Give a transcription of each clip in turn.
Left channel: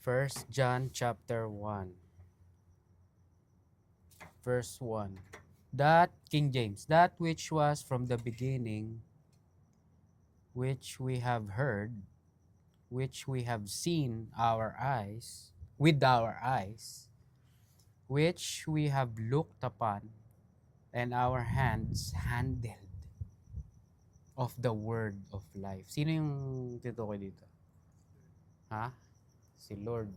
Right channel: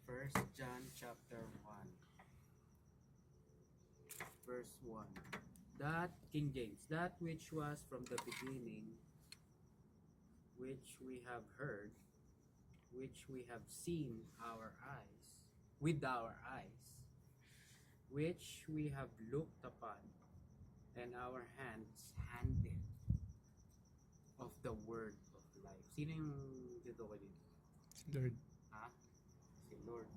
First John chapter 1, verse 1. That, King James, that which was from the beginning, which we have heard, which we have seen our eyes, with our eyes, which we have looked upon, and our hands handled of the word of life. Sino yung titukoy dito? Lord. Ha? Si Lord.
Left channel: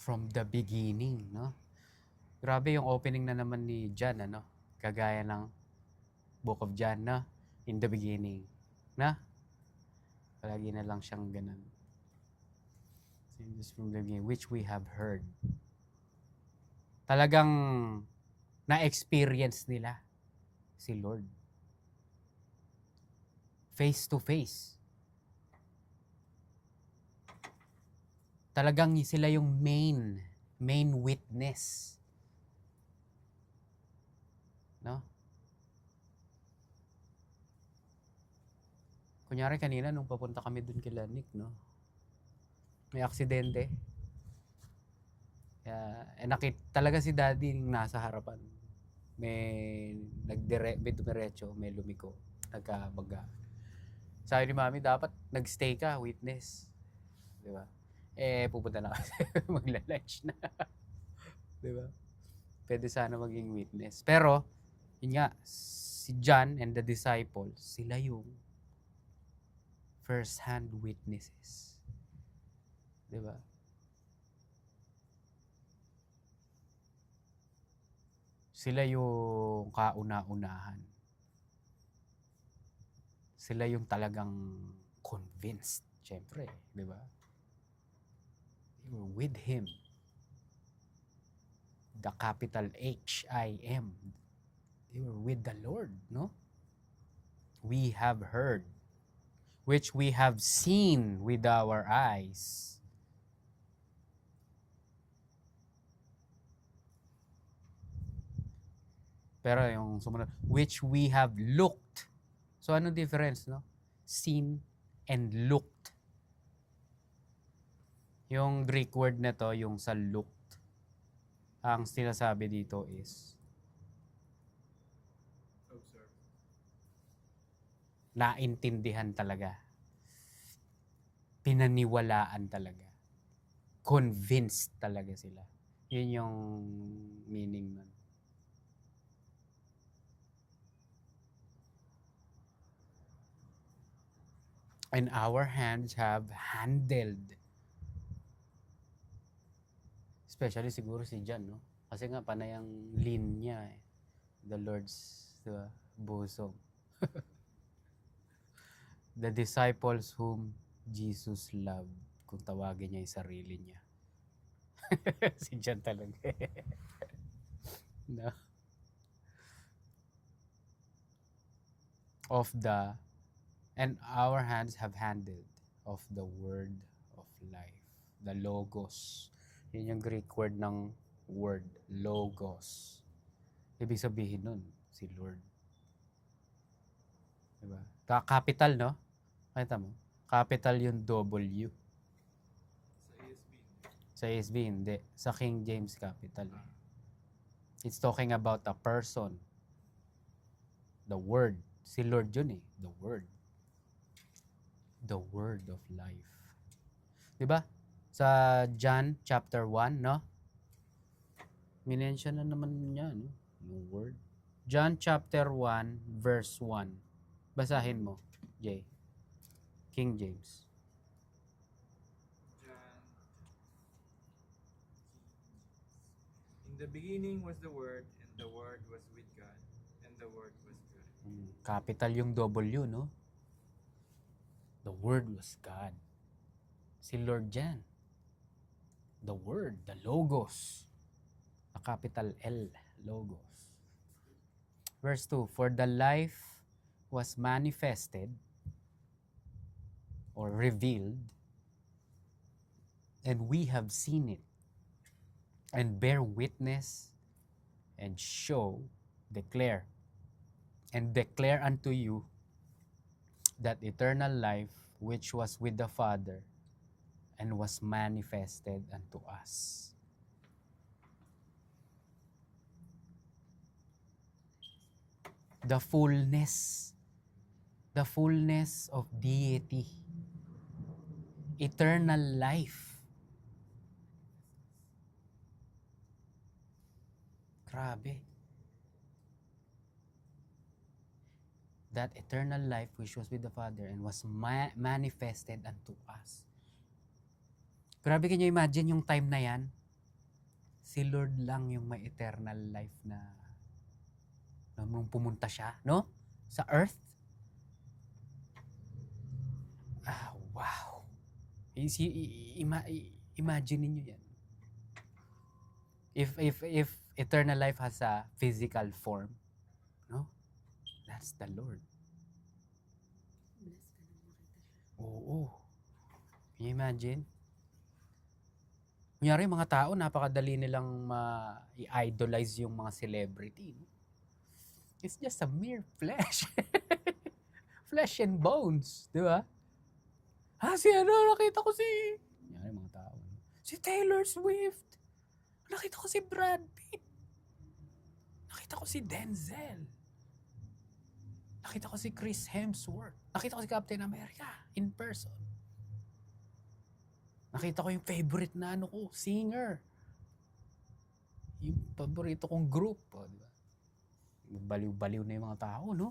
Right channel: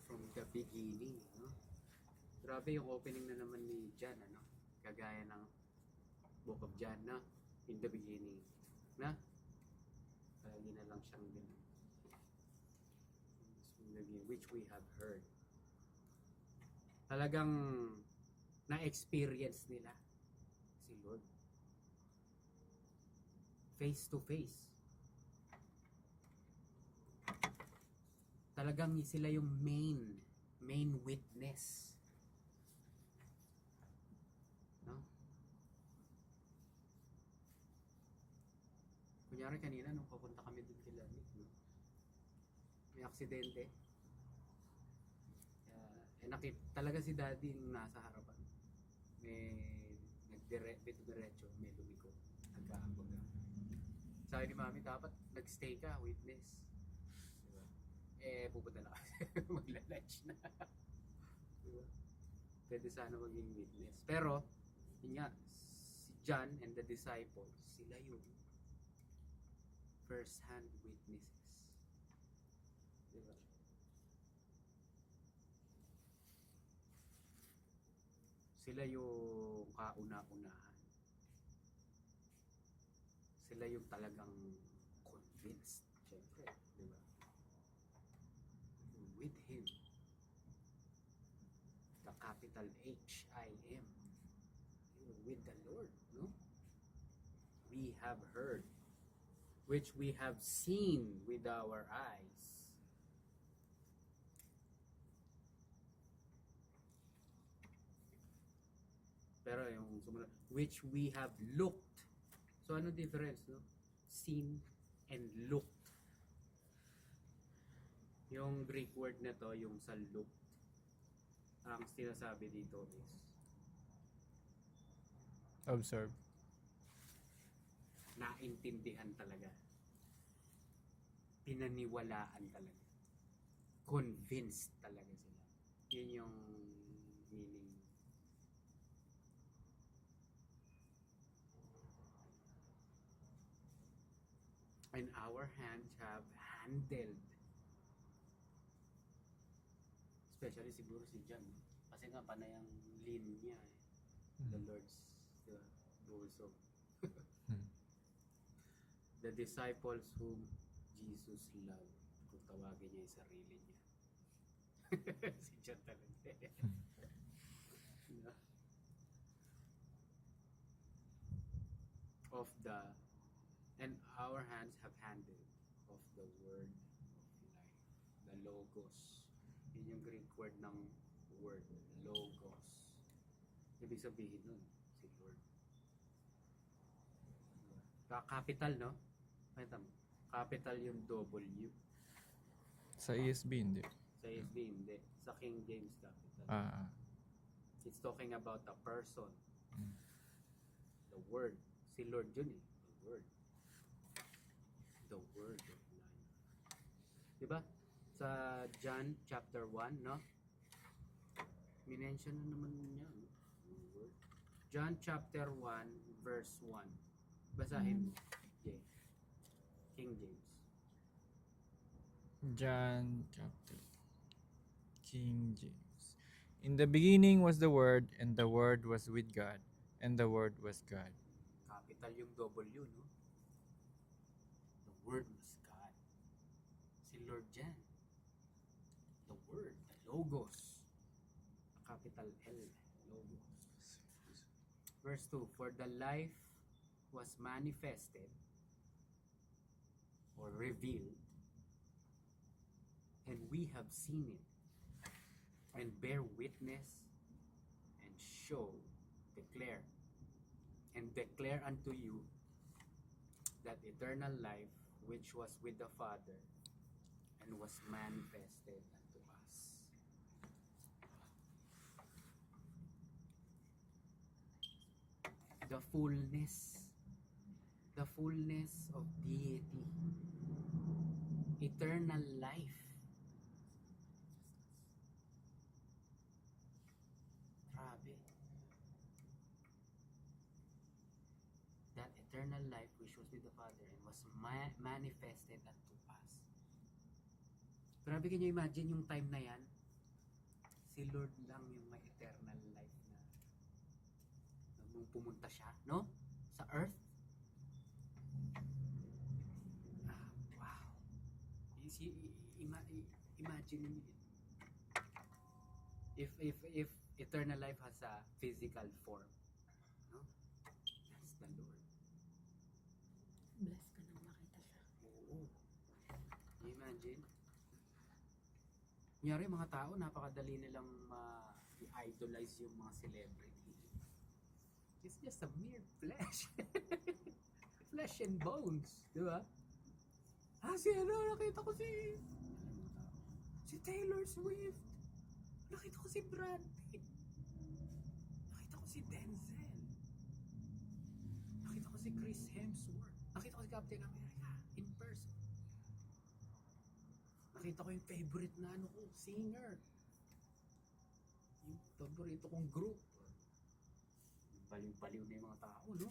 From the beginning, no? Grabe yung opening na naman ni John, ano? Kagaya ng Book of John, no? In the beginning. Na? Palagi na lang siyang ganun. Just from the beginning, which we have heard. Talagang na-experience nila si Lord. Face to face. Talagang sila yung main witness. No? Kunyari kanina nung papunta kami dun kila Nick, no? May aksidente. Talaga si Daddy yung nasa harapan. May dumiretso, may lumiko, nagkabaga. Sabi ni Mami, dapat nagstay ka, witness. Di ba? Pupunta na kasi magla-lunch na. Di ba? Pwede sana maging witness. Pero, yun nga, si John and the disciples, sila yung first-hand witnesses. Di ba? Sila yung kauna-unahan. Sila yung talagang convinced, syempre, di ba? They were with Him. The capital H-I-M. They were with the Lord, no? We have heard, which we have seen with our eyes. Pero yung sumunod, which we have looked. So ano difference, no? Seen and looked. Yung Greek word na to, yung sa looked, ang sinasabi dito is Observe. naintindihan talaga. Pinaniwalaan talaga. Convinced talaga sila. Yun yung meaning nun. And our hands have handled. Especially siguro si John, no? Kasi nga panay ang lean niya eh. The Lord's, diba, bosom. The disciples whom Jesus loved. Kung tawagin niya yung sarili niya. Si John talaga. No? And our hands have handled of the word of life. The logos. Yun yung Greek word ng word. Logos. Ibig sabihin nun, si Lord. Diba? Capital, no? Kita mo? Capital yung W. Sa ESB, hindi. Sa ESV, hindi. Sa King James capital. Ah. It's talking about a person. The Word. Si Lord yun eh. The Word. The Word of life. Diba? Sa John chapter 1, no? Minention na naman niya, no? Yung Word. John chapter 1, verse 1. Basahin mo, Jay. King James. John chapter. King James. In the beginning was the Word, and the Word was with God, and the Word was God. Capital yung W, no? The Word was God. Si Lord yan. The Word, the Logos. The capital L, Logos. Verse 2, for the life was manifested or revealed, and we have seen it, and bear witness, and declare unto you that eternal life which was with the Father and was manifested unto us. The fullness of deity, eternal life. Grabe. That eternal life which was with the Father and was manifested unto us. Grabe, can you imagine yung time na yan? Si Lord lang yung may eternal life na nung pumunta siya, no? Sa earth. Ah, wow. Imagine niyo yan. If eternal life has a physical form, no? That's the Lord. Bless ka nang makita siya. Oo. Can you imagine? Kunyari, mga tao, napakadali nilang i-idolize yung mga celebrity. It's just a mere flesh. Flesh and bones. Di ba? Si ano, nakita ko si... Kunyari, mga tao. Si Taylor Swift. Nakita ko si Brad Pitt. Nakita ko si Denzel. Nakita ko si Chris Hemsworth. Nakita ko si Captain America in person. Nakita ko yung favorite na singer. Yung paborito kong group. Di ba? Baliw-baliw na yung mga tao, no?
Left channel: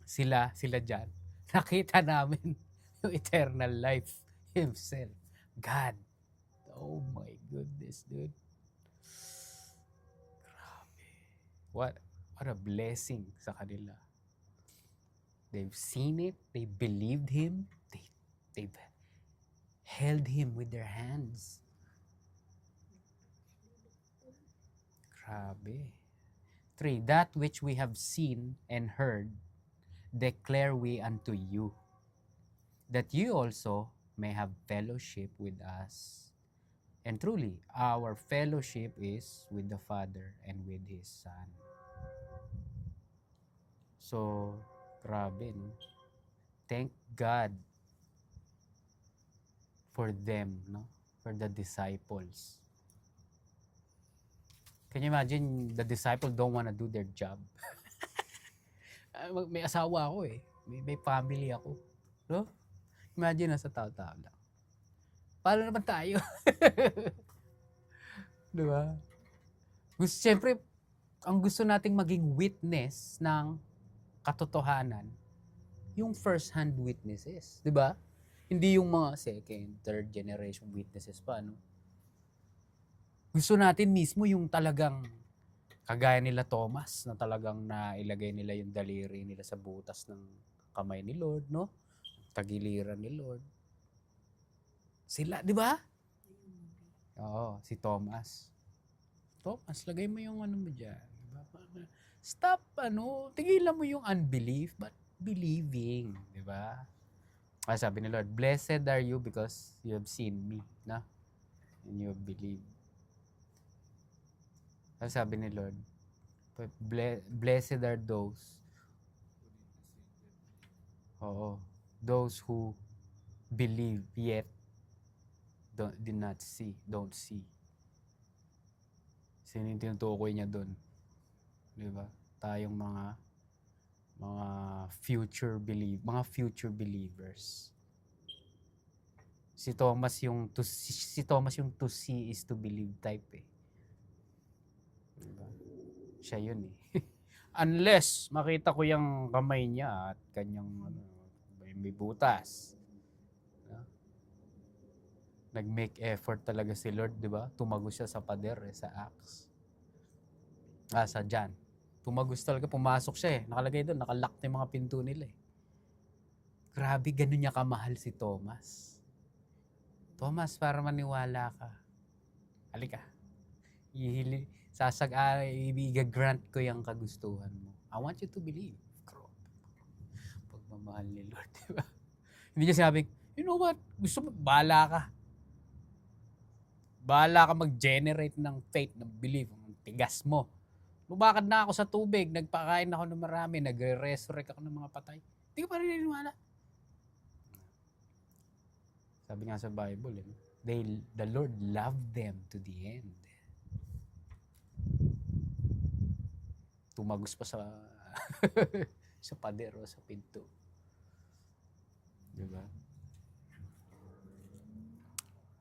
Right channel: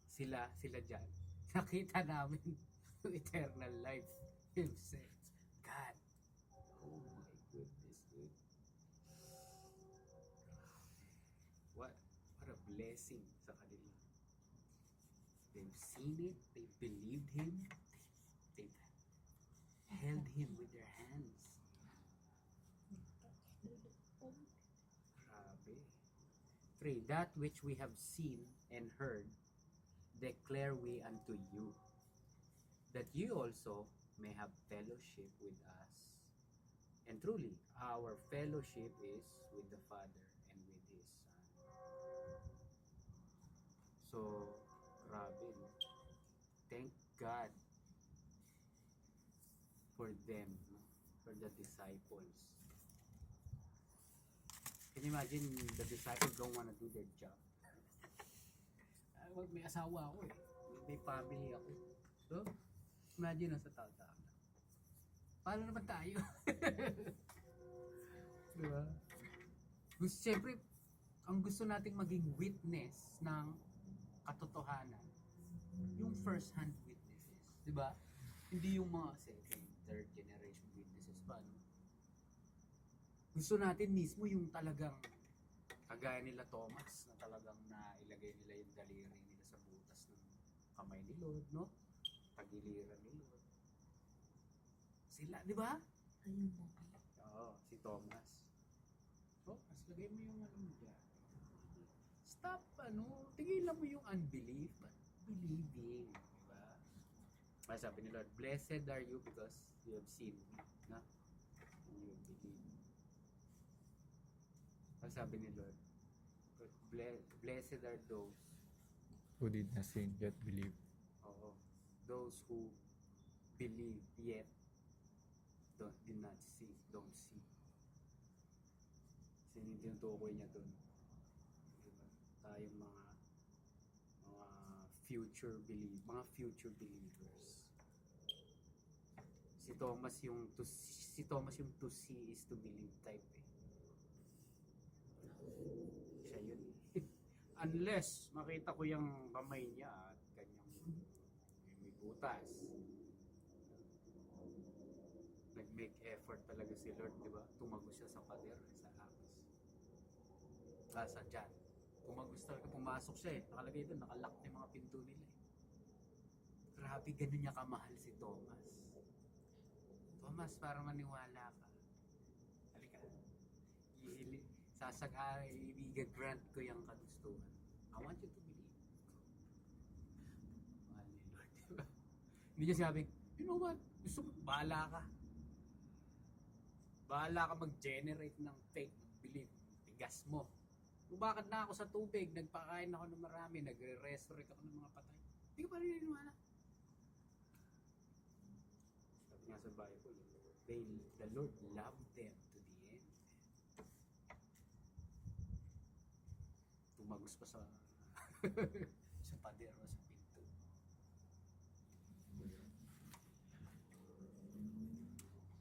Sila dyan. Nakita namin yung eternal life himself. God. Oh my goodness, dude. Grabe. What a blessing sa kanila. They've seen it. They believed him. They've held him with their hands. Grabe. 3. That which we have seen and heard, declare we unto you, that you also may have fellowship with us. And truly, our fellowship is with the Father and with His Son. So, grabe, no? Thank God for them, no? For the disciples. Can you imagine the disciples don't want to do their job? May asawa ako eh. May family ako. No? Imagine nasa tao-tao lang. Paano naman tayo? Diba? Siyempre, ang gusto nating maging witness ng katotohanan, yung first-hand witnesses. Diba? Hindi yung mga second, third generation witnesses pa, no? Gusto natin mismo yung talagang kagaya nila Thomas, na talagang nailagay nila yung daliri nila sa butas ng kamay ni Lord, no? Tagiliran ni Lord. Sila, di ba? Ayun. Oo, si Thomas. Thomas, lagay mo yung ano mo dyan. Diba? Stop, tigilan mo yung unbelief, but believing, di ba? Sabi ni Lord, blessed are you because you have seen me, na? And you have believed. Sabi ni Lord, blessed are those Who did not sin yet believe. Oo, those who believe yet did not see, don't see. Sino yung tinutukoy niya doon? Di ba? Tayong mga future believers. Si Thomas yung to see is to believe type eh. Diba? Siya yun eh. Unless makita ko yung kamay niya at kanyang may butas. Nag-make effort talaga si Lord, di ba? Tumagos siya sa pader sa Acts. Sa John. Tumagos talaga, pumasok siya eh. Nakalagay doon, nakalock na yung mga pinto nila eh. Grabe, ganun niya kamahal si Thomas. Thomas, para maniwala ka. Halika. I-grant ko yung kagustuhan mo. I want you to believe. Pagmamahal ni Lord, di ba? Hindi niya sinabing, you know what? Gusto mo, bahala ka. Bahala ka mag-generate ng faith, ng belief, ng tigas mo. Lumakad na ako sa tubig, nagpakain ako ng marami, nagre-resurrect ako ng mga patay. Hindi ka pa rin naniniwala. Sabi nga sa Bible, the Lord loved them to the end. Tumagos pa sa sa pader o sa pinto. Diba?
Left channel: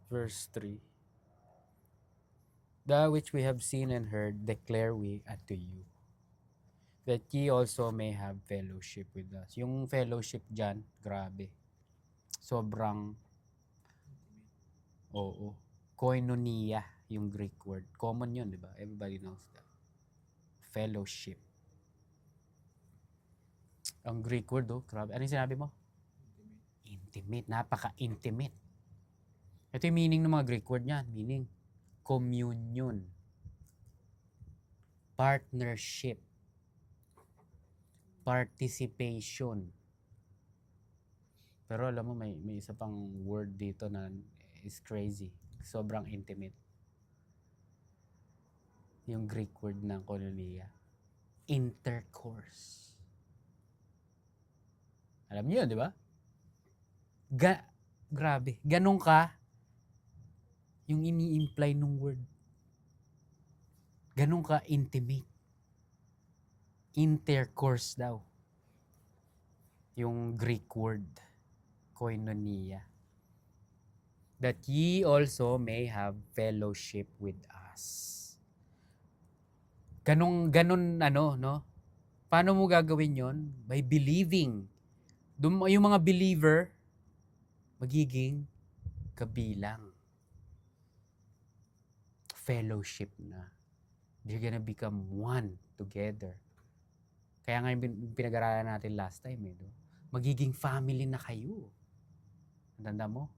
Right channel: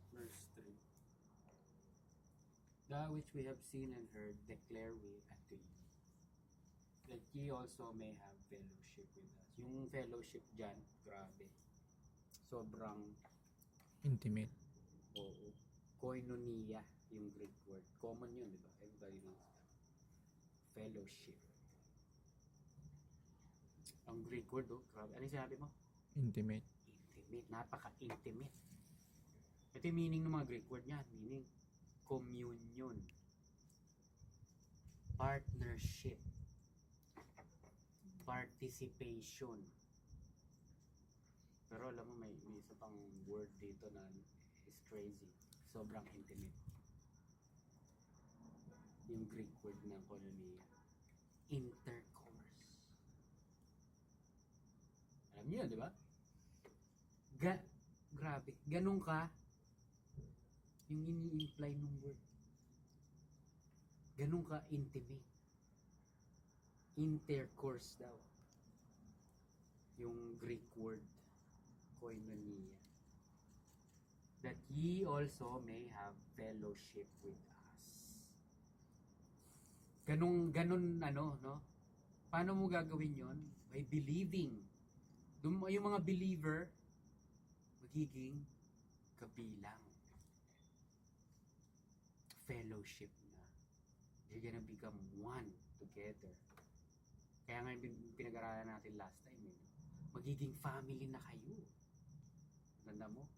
Verse 3. That which we have seen and heard declare we unto you, that ye also may have fellowship with us. Yung fellowship dyan, grabe. Sobrang, Intimate. oo. Koinonia, yung Greek word. Common yun, di ba? Everybody knows that. Fellowship. Ang Greek word, grabe. Ano yung sinabi mo? Intimate. Intimate. Napaka-intimate. Ito yung meaning ng mga Greek word niyan. Meaning, communion. Partnership. Participation. Pero alam mo, may isa pang word dito na is crazy. Sobrang intimate. Yung Greek word ng koinonia. Intercourse. Alam niyo yun, di ba? Grabe. Ganun ka yung ini-imply ng word. Ganun ka intimate. Intercourse daw. Yung Greek word. Koinonia. That ye also may have fellowship with us. Ganun, no? Paano mo gagawin yon? By believing. Yung mga believer, magiging kabilang. Fellowship na. They're gonna become one together. Kaya nga yung pinag-aralan natin last time, no? Magiging family na kayo. Tanda mo?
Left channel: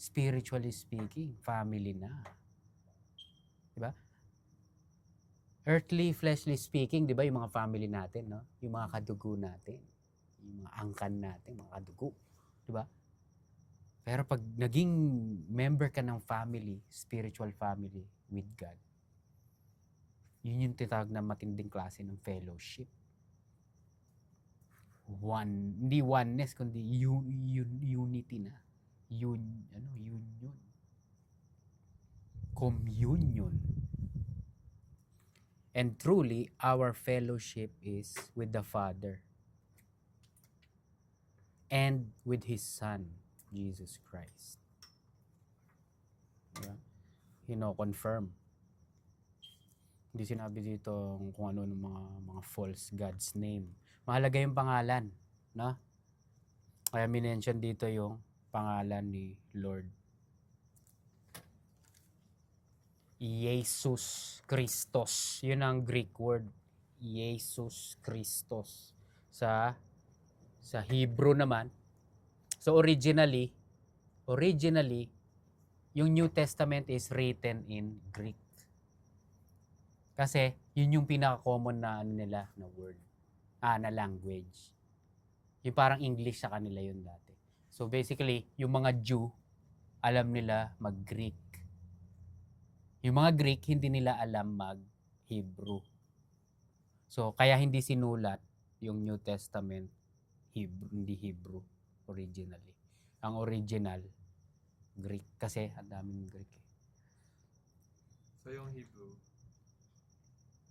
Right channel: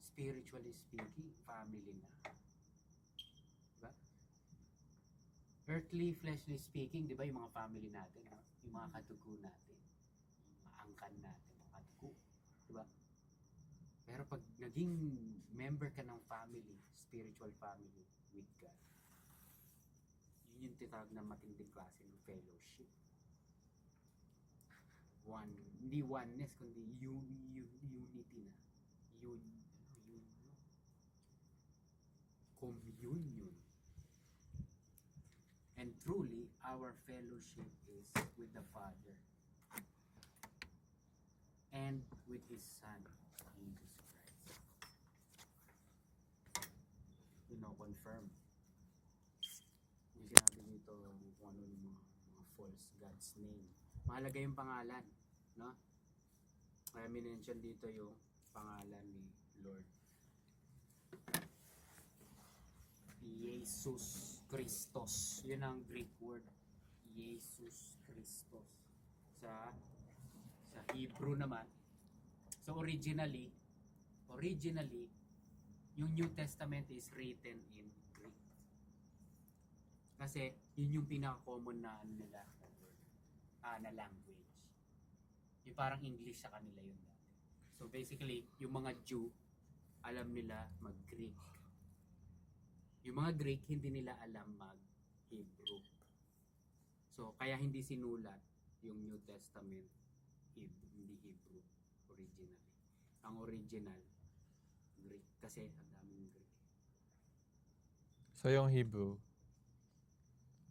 Spiritually speaking, family na. Diba? Earthly, fleshly speaking, di ba, yung mga family natin, no? Yung mga kadugo natin. Yung mga angkan natin, mga kadugo. Di ba? Pero pag naging member ka ng family, spiritual family with God, yun yung tinatawag na matinding klase ng fellowship. Hindi oneness, kundi unity na. Union. Communion. And truly, our fellowship is with the Father and with His Son, Jesus Christ. Yeah. Confirm. Hindi sinabi dito kung ano ng mga false gods name. Mahalaga yung pangalan, no? Kaya minention dito yung pangalan ni Lord. Jesus Christos. Yun ang Greek word. Jesus Christos. Sa Hebrew naman. So originally, yung New Testament is written in Greek. Kasi yun yung pinaka-common na nila na word. Na language. Yung parang English sa kanila yun dati. So basically, yung mga Jew, alam nila mag-Greek. Yung mga Greek, hindi nila alam mag-Hebrew. So, kaya hindi sinulat yung New Testament Hebrew, hindi Hebrew originally. Ang original, Greek. Kasi ang daming Greek. So yung Hebrew,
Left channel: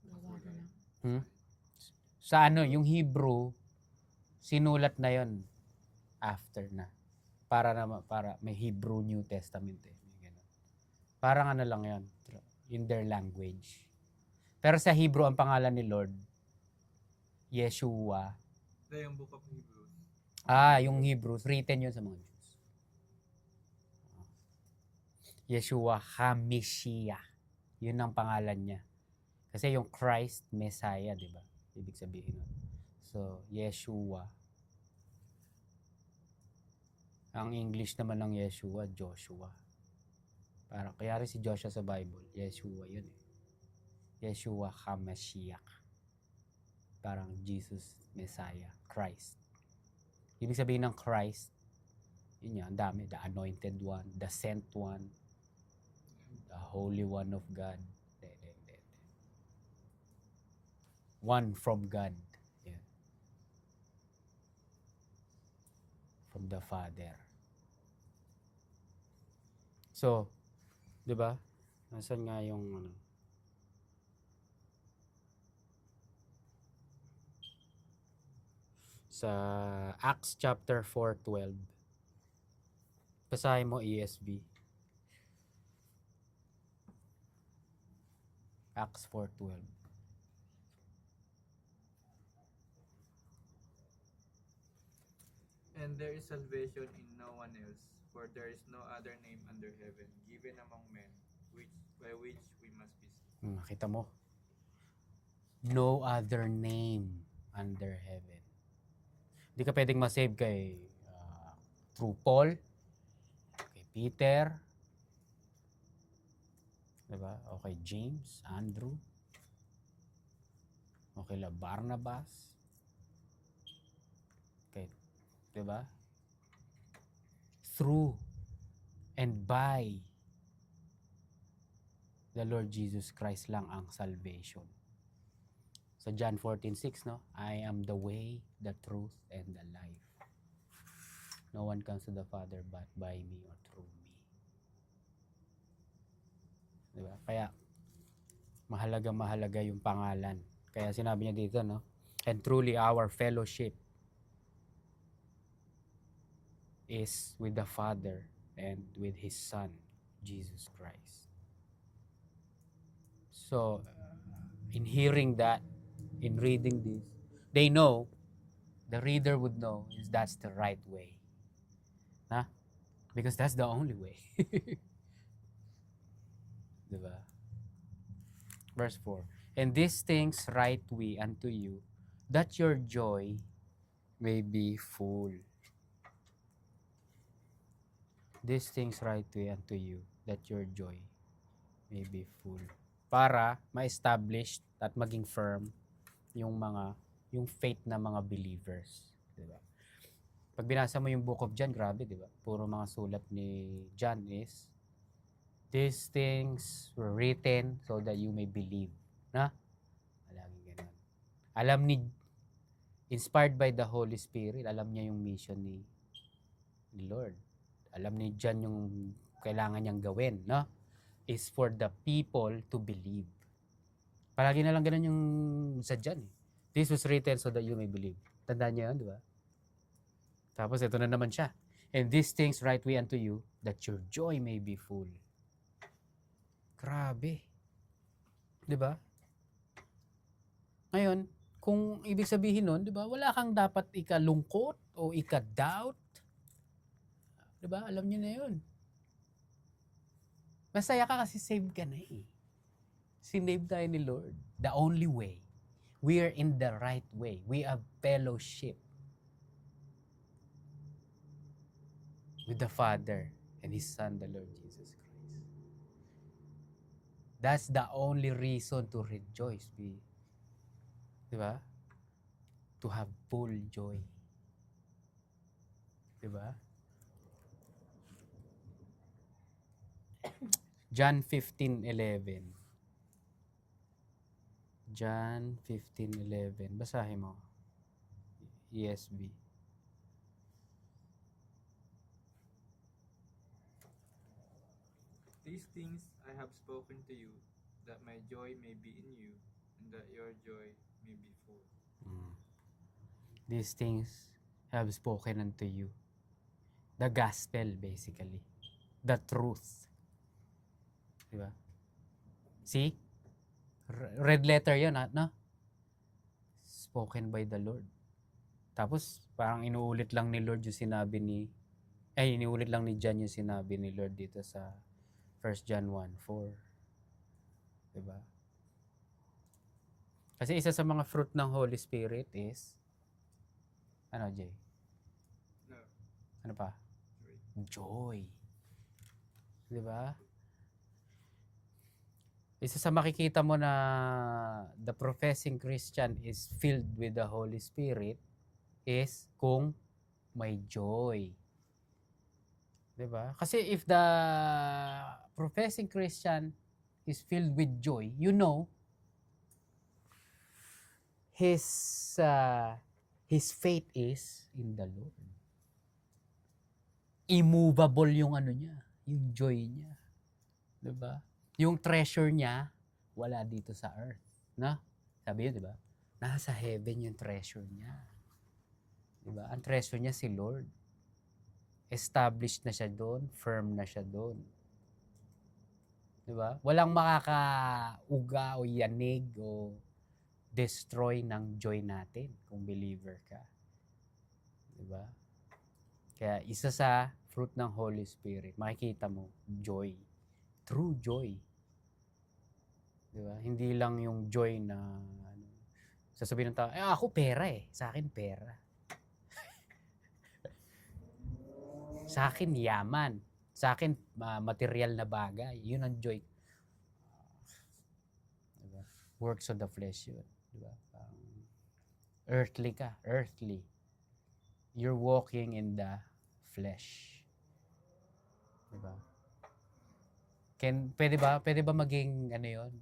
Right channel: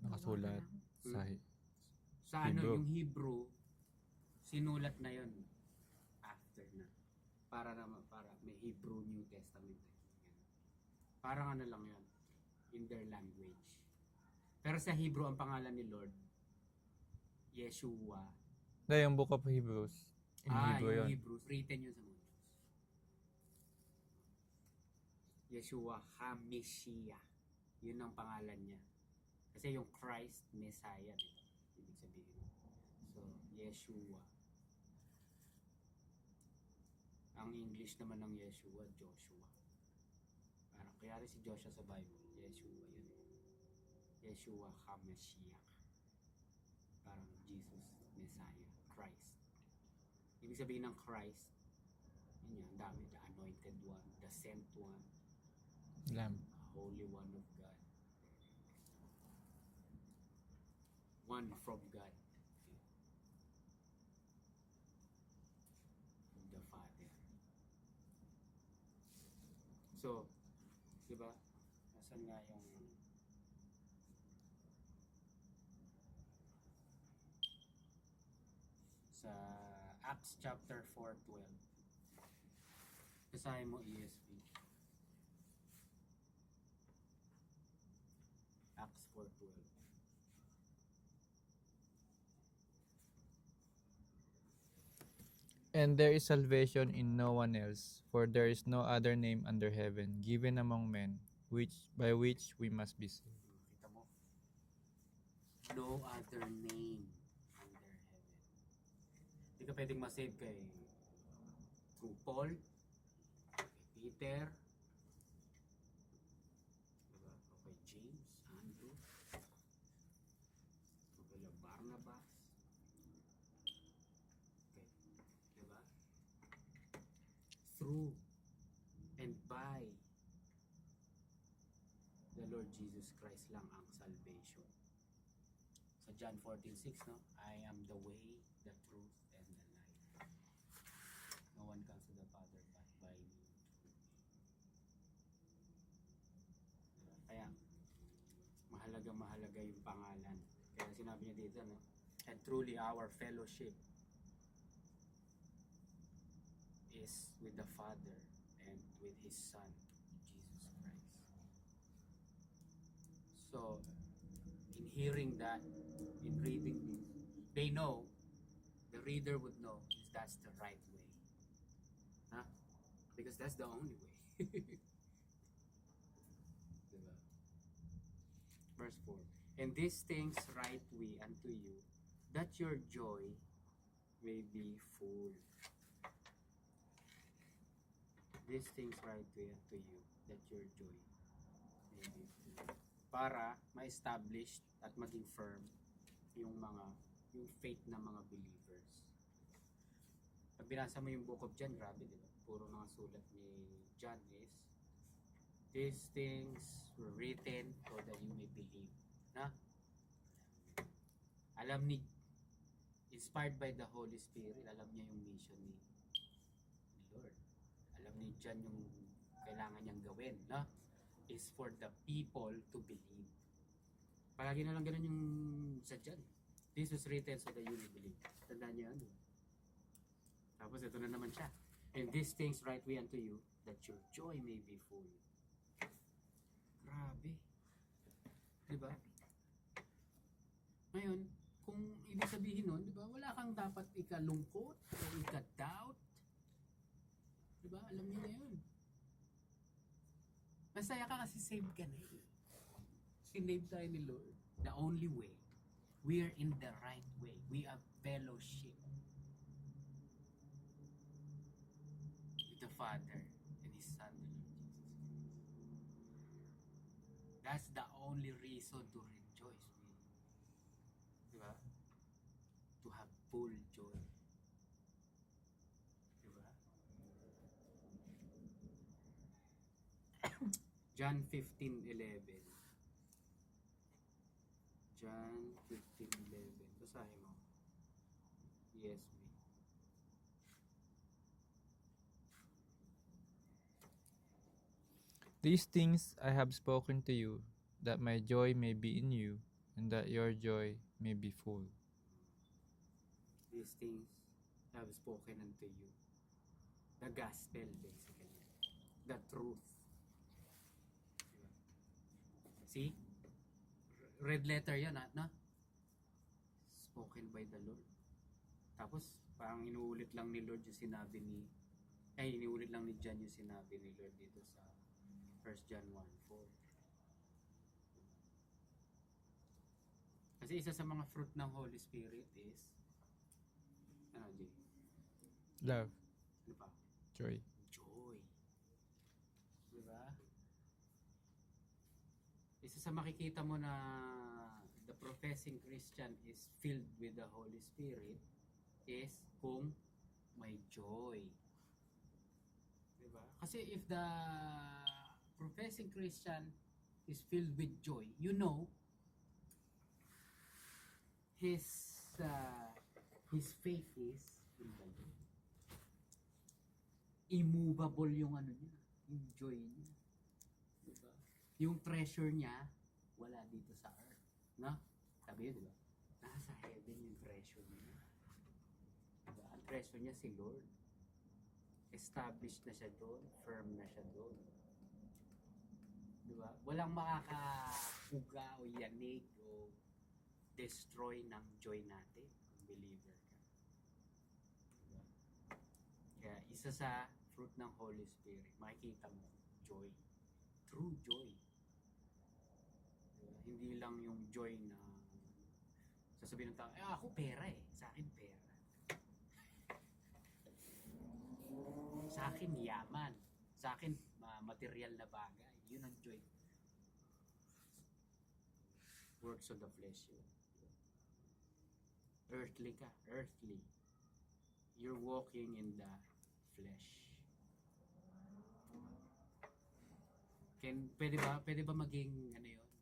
nakasulat Sa Hebrew. yung Hebrew, sinulat na yon after na. Para may Hebrew New Testament eh. Ganun. Parang lang yon in their language. Pero sa Hebrew, ang pangalan ni Lord, Yeshua. Yung Book of Hebrews. Yung Hebrews, written yun sa mga Jews. Yeshua HaMashiach. Yun ang pangalan niya. Kasi yung Christ, Messiah, di ba? Ibig sabihin nun. So, Yeshua. Ang English naman ng Yeshua, Joshua. Kaya rin si Joshua sa Bible, Yeshua yun eh. Yeshua HaMashiach. Parang Jesus, Messiah, Christ. Ibig sabihin ng Christ, yun yan, dami. The anointed one, the sent one, Lamb. the Holy One of God. One from God. Yeah. From the Father. So, 'di ba? Nasaan nga yung ano? Sa Acts chapter 4:12. Basahin mo ESV. Acts 4:12. And there is salvation in no one else, for there is no other name under heaven given among men by which we must be saved. Nakita mo? No other name under heaven. Hindi ka pwedeng masave kay through Paul, kay Peter, diba? O kay James, Andrew, o kay Barnabas, kay, diba? Through and by the Lord Jesus Christ lang ang salvation. Sa John 14:6, no? I am the way, the truth, and the life. No one comes to the Father but by me or through me. Diba? Kaya, mahalaga yung pangalan. Kaya sinabi niya dito, no? And truly our fellowship is with the Father and with His Son, Jesus Christ. So, in hearing that, in reading this, they know, the reader would know, is that's the right way. Huh? Because that's the only way. Diba? Verse 4. And these things write we unto you, that your joy may be full. These things write we unto you, that your joy may be full. Para ma-establish at maging firm yung faith na mga believers, di ba? Pag binasa mo yung book of John, grabe, di ba? Puro mga sulat ni John is these things were written so that you may believe. Na? Laging ganun. Alam ni, inspired by the Holy Spirit, alam niya yung mission ni Lord. Alam ni John yung kailangan niyang gawin, no? Is for the people to believe. Palagi na lang ganun yung sa John. This was written so that you may believe. Tandaan niyo yun, di ba? Tapos ito na naman siya. And these things write we unto you, that your joy may be full. Grabe. Di ba? Ngayon, kung ibig sabihin nun, di ba, wala kang dapat ikalungkot o ika-doubt. Di ba? Alam niyo na yun. Masaya ka kasi saved ka na eh. Sinave tayo ni Lord. The only way. We are in the right way. We have fellowship with the Father and His Son, the Lord Jesus Christ. That's the only reason to rejoice. Diba? To have full joy. Diba? John 15:11. John 15:11. Basahin mo. ESV. These things I have spoken to you, that my joy may be in you, and that your joy may be full. These things I have spoken unto you. The gospel, basically. The truth. Diba? See? Red letter yun, no? Spoken by the Lord. Tapos, parang inuulit lang ni Lord yung sinabi inuulit lang ni John yung sinabi ni Lord dito sa 1 John 1:4. Diba? Kasi isa sa mga fruit ng Holy Spirit is, ano, Jay? Love, Ano pa? joy. Joy. Diba? Isa sa makikita mo na the professing Christian is filled with the Holy Spirit is kung may joy. Diba? Kasi if the professing Christian is filled with joy, you know, his faith is in the Lord. Immovable yung ano niya, yung joy niya. Diba? Yung treasure niya, wala dito sa earth. No? Sabi yun, diba? Nasa heaven yung treasure niya. Diba? Ang treasure niya si Lord. Established na siya doon, firm na siya doon. Diba? Walang makakauga o yanig o destroy ng joy natin kung believer ka. Diba? Kaya isa sa fruit ng Holy Spirit, makikita mo, joy. True joy. Diba? Hindi lang yung joy na sasabihin ng tao, ako pera eh. Sa akin pera. Sa akin yaman. Sa akin material na bagay. Yun ang joy. Diba? Works of the flesh yun. Diba? Earthly ka. Earthly. You're walking in the flesh. Diba? Pwede ba maging ano yun?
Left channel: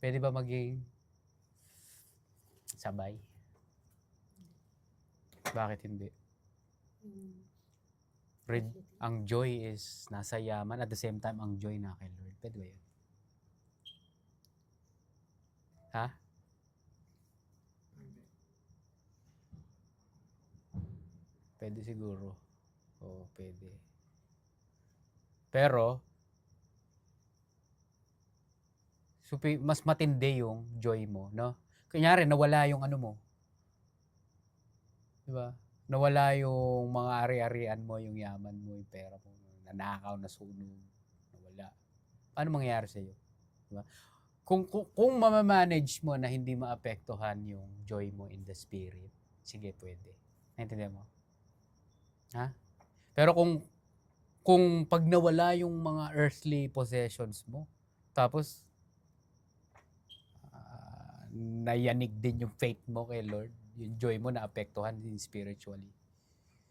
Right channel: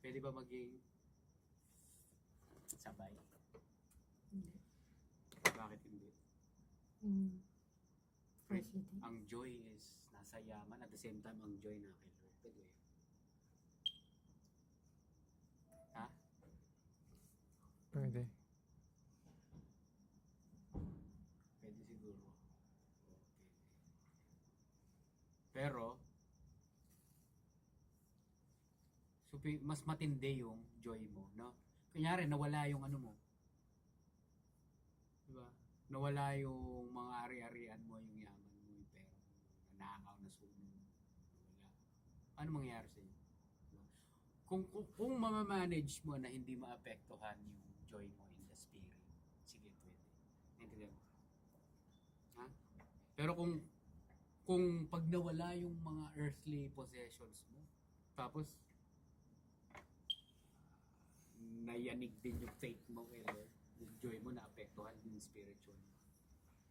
Pwede ba maging sabay? Bakit hindi? Ang joy is nasa yaman, at the same time ang joy na kay Lord. Pwede ba yun? Ha? Pwede. Pwede siguro. Oo, pwede. Pero mas matindi yung joy mo, no? Kunyari, nawala yung ano mo. Diba? Nawala yung mga ari-arian mo, yung yaman mo, yung pera mo, nanakaw, nasunog, nawala. Paano mangyayari sa iyo? Diba? Kung mamamanage mo na hindi maapektuhan yung joy mo in the spirit, sige, pwede. Naintindihan mo? Ha? Pero kung pag nawala yung mga earthly possessions mo, tapos nayanig din yung faith mo kay Lord, yung joy mo naapektuhan din spiritually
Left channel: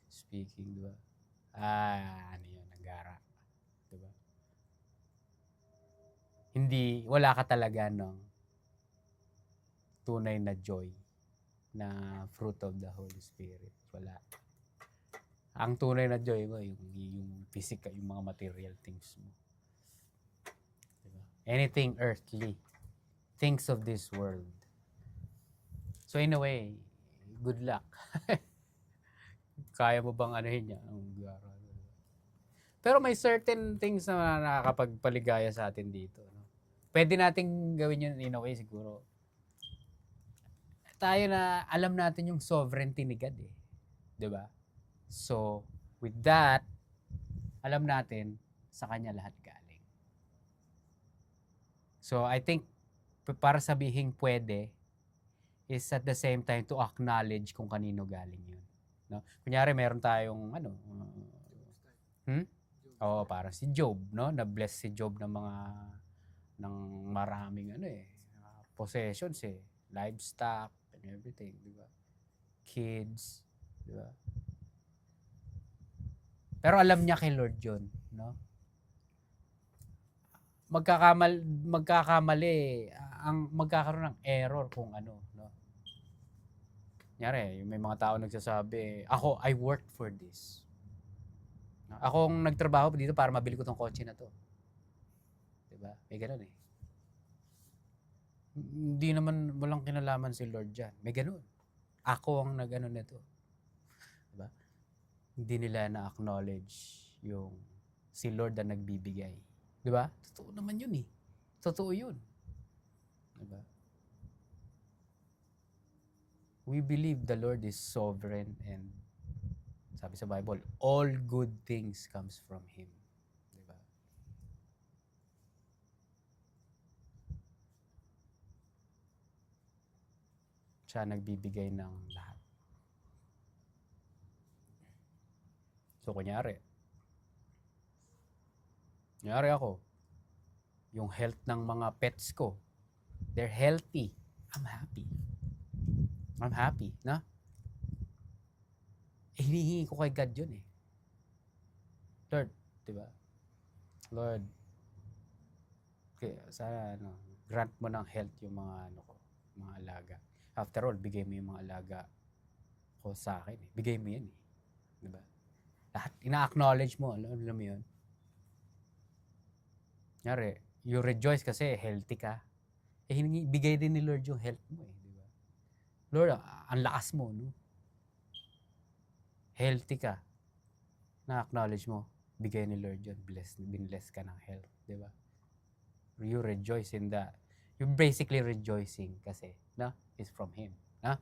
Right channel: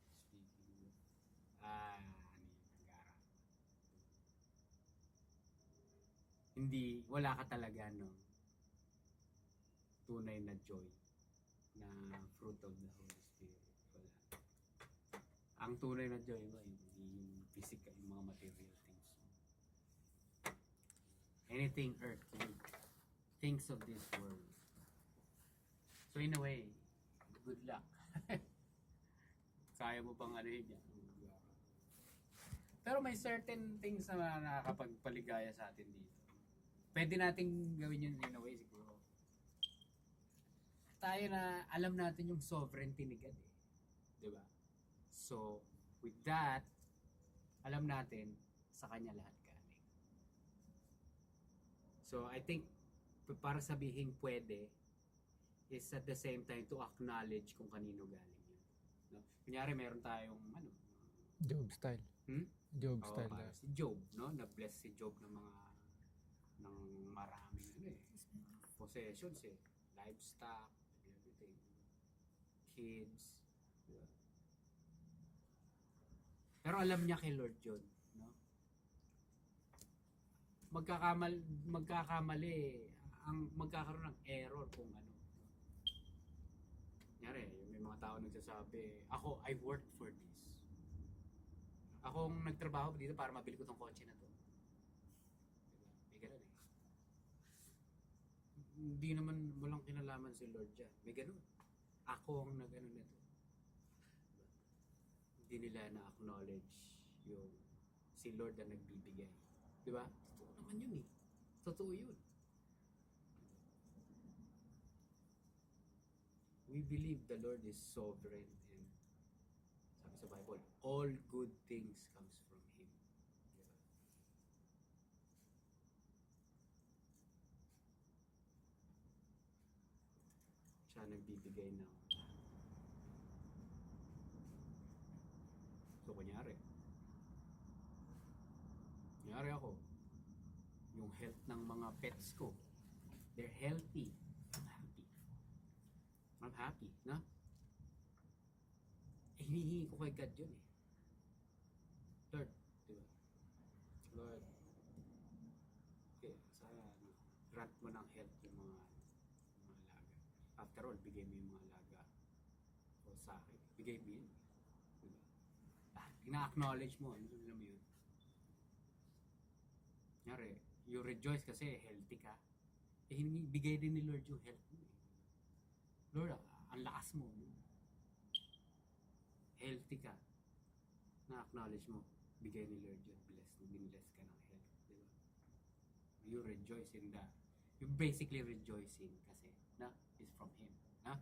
speaking, di ba? Ano yun, nagara. Di ba? Wala ka talaga ng tunay na joy na fruit of the Holy Spirit. Wala. Ang tunay na joy mo, yung physical, yung mga material things mo. Diba? Anything earthly. Things of this world. So in a way, good luck. Kaya mo bang anuhin niya? Pero may certain things na nakakapagpaligaya sa atin dito. No? Pwede nating gawin yun in a way siguro. Tayo na alam natin yung sovereignty ni God eh. 'Di ba? So, with that, alam natin sa Kanya lahat galing. So, I think para sabihin pwede is at the same time to acknowledge kung kanino galing yun. No? Kunyari, meron tayong Job style. Job Oo, style. para si Job, no? Na-bless si Job ng maraming possessions eh. Livestock and everything, di ba? Kids, di ba? Pero alam niya kay Lord yun, no? Magkakaroon ng error kung ano, no? Kunyari, may mga tao nagsasabi, I worked for this. Ako ang nagtrabaho dito para mabili ko tong kotse na to. Diba? May ganun eh. Hindi naman walang kinalaman si Lord dyan. May ganun. Ako ang nag-ano nito. Diba? Hindi nila na-acknowledge yung si Lord na nagbibigay. Diba? Totoo naman yun eh. Totoo yun. Diba? We believe the Lord is sovereign and sabi sa Bible, all good things comes from Him. Diba? Siya nagbibigay ng lahat. So, kunyari ako, yung health ng mga pets ko, they're healthy. I'm happy, na? Hinihingi ko kay God yun eh. Lord, diba? Lord, okay, sana grant mo ng health yung mga mga alaga. After all, bigay mo yung mga alaga ko sa akin eh. Bigay mo yan eh. Diba? Lahat, ina-acknowledge mo, alam mo yun? Kunyari, you rejoice kasi healthy ka. Bigay din ni Lord yung health mo eh. Di ba? Lord, ang lakas mo, no? Healthy ka. Na-acknowledge mo, bigay ni Lord yun. Binless ka ng health. Di ba? You rejoice in that. You're basically rejoicing kasi, no? It's from Him. No?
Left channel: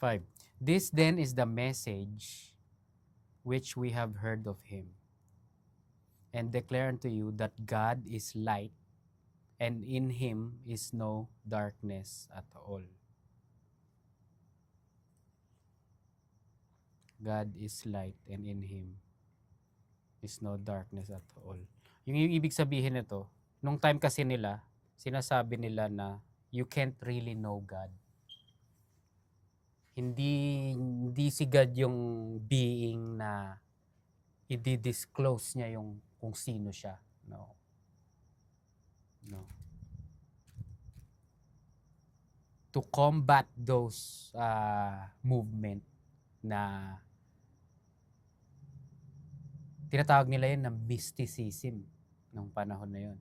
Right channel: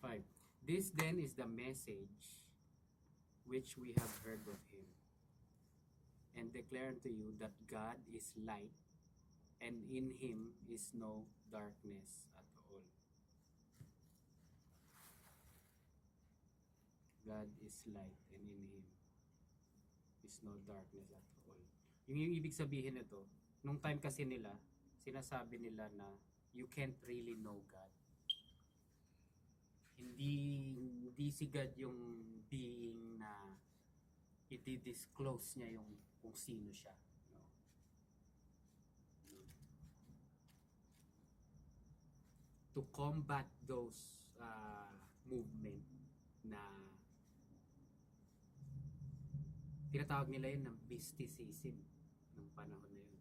Five. This then is the message which we have heard of Him, and declare unto you that God is light, and in Him is no darkness at all. God is light, and in Him is no darkness at all. Yung ibig sabihin nito, nung time kasi nila, sinasabi nila na you can't really know God. Hindi si God yung being na i-disclose niya yung kung sino siya. No. To combat those movement na tinatawag nila yun na mysticism nung panahon na yun.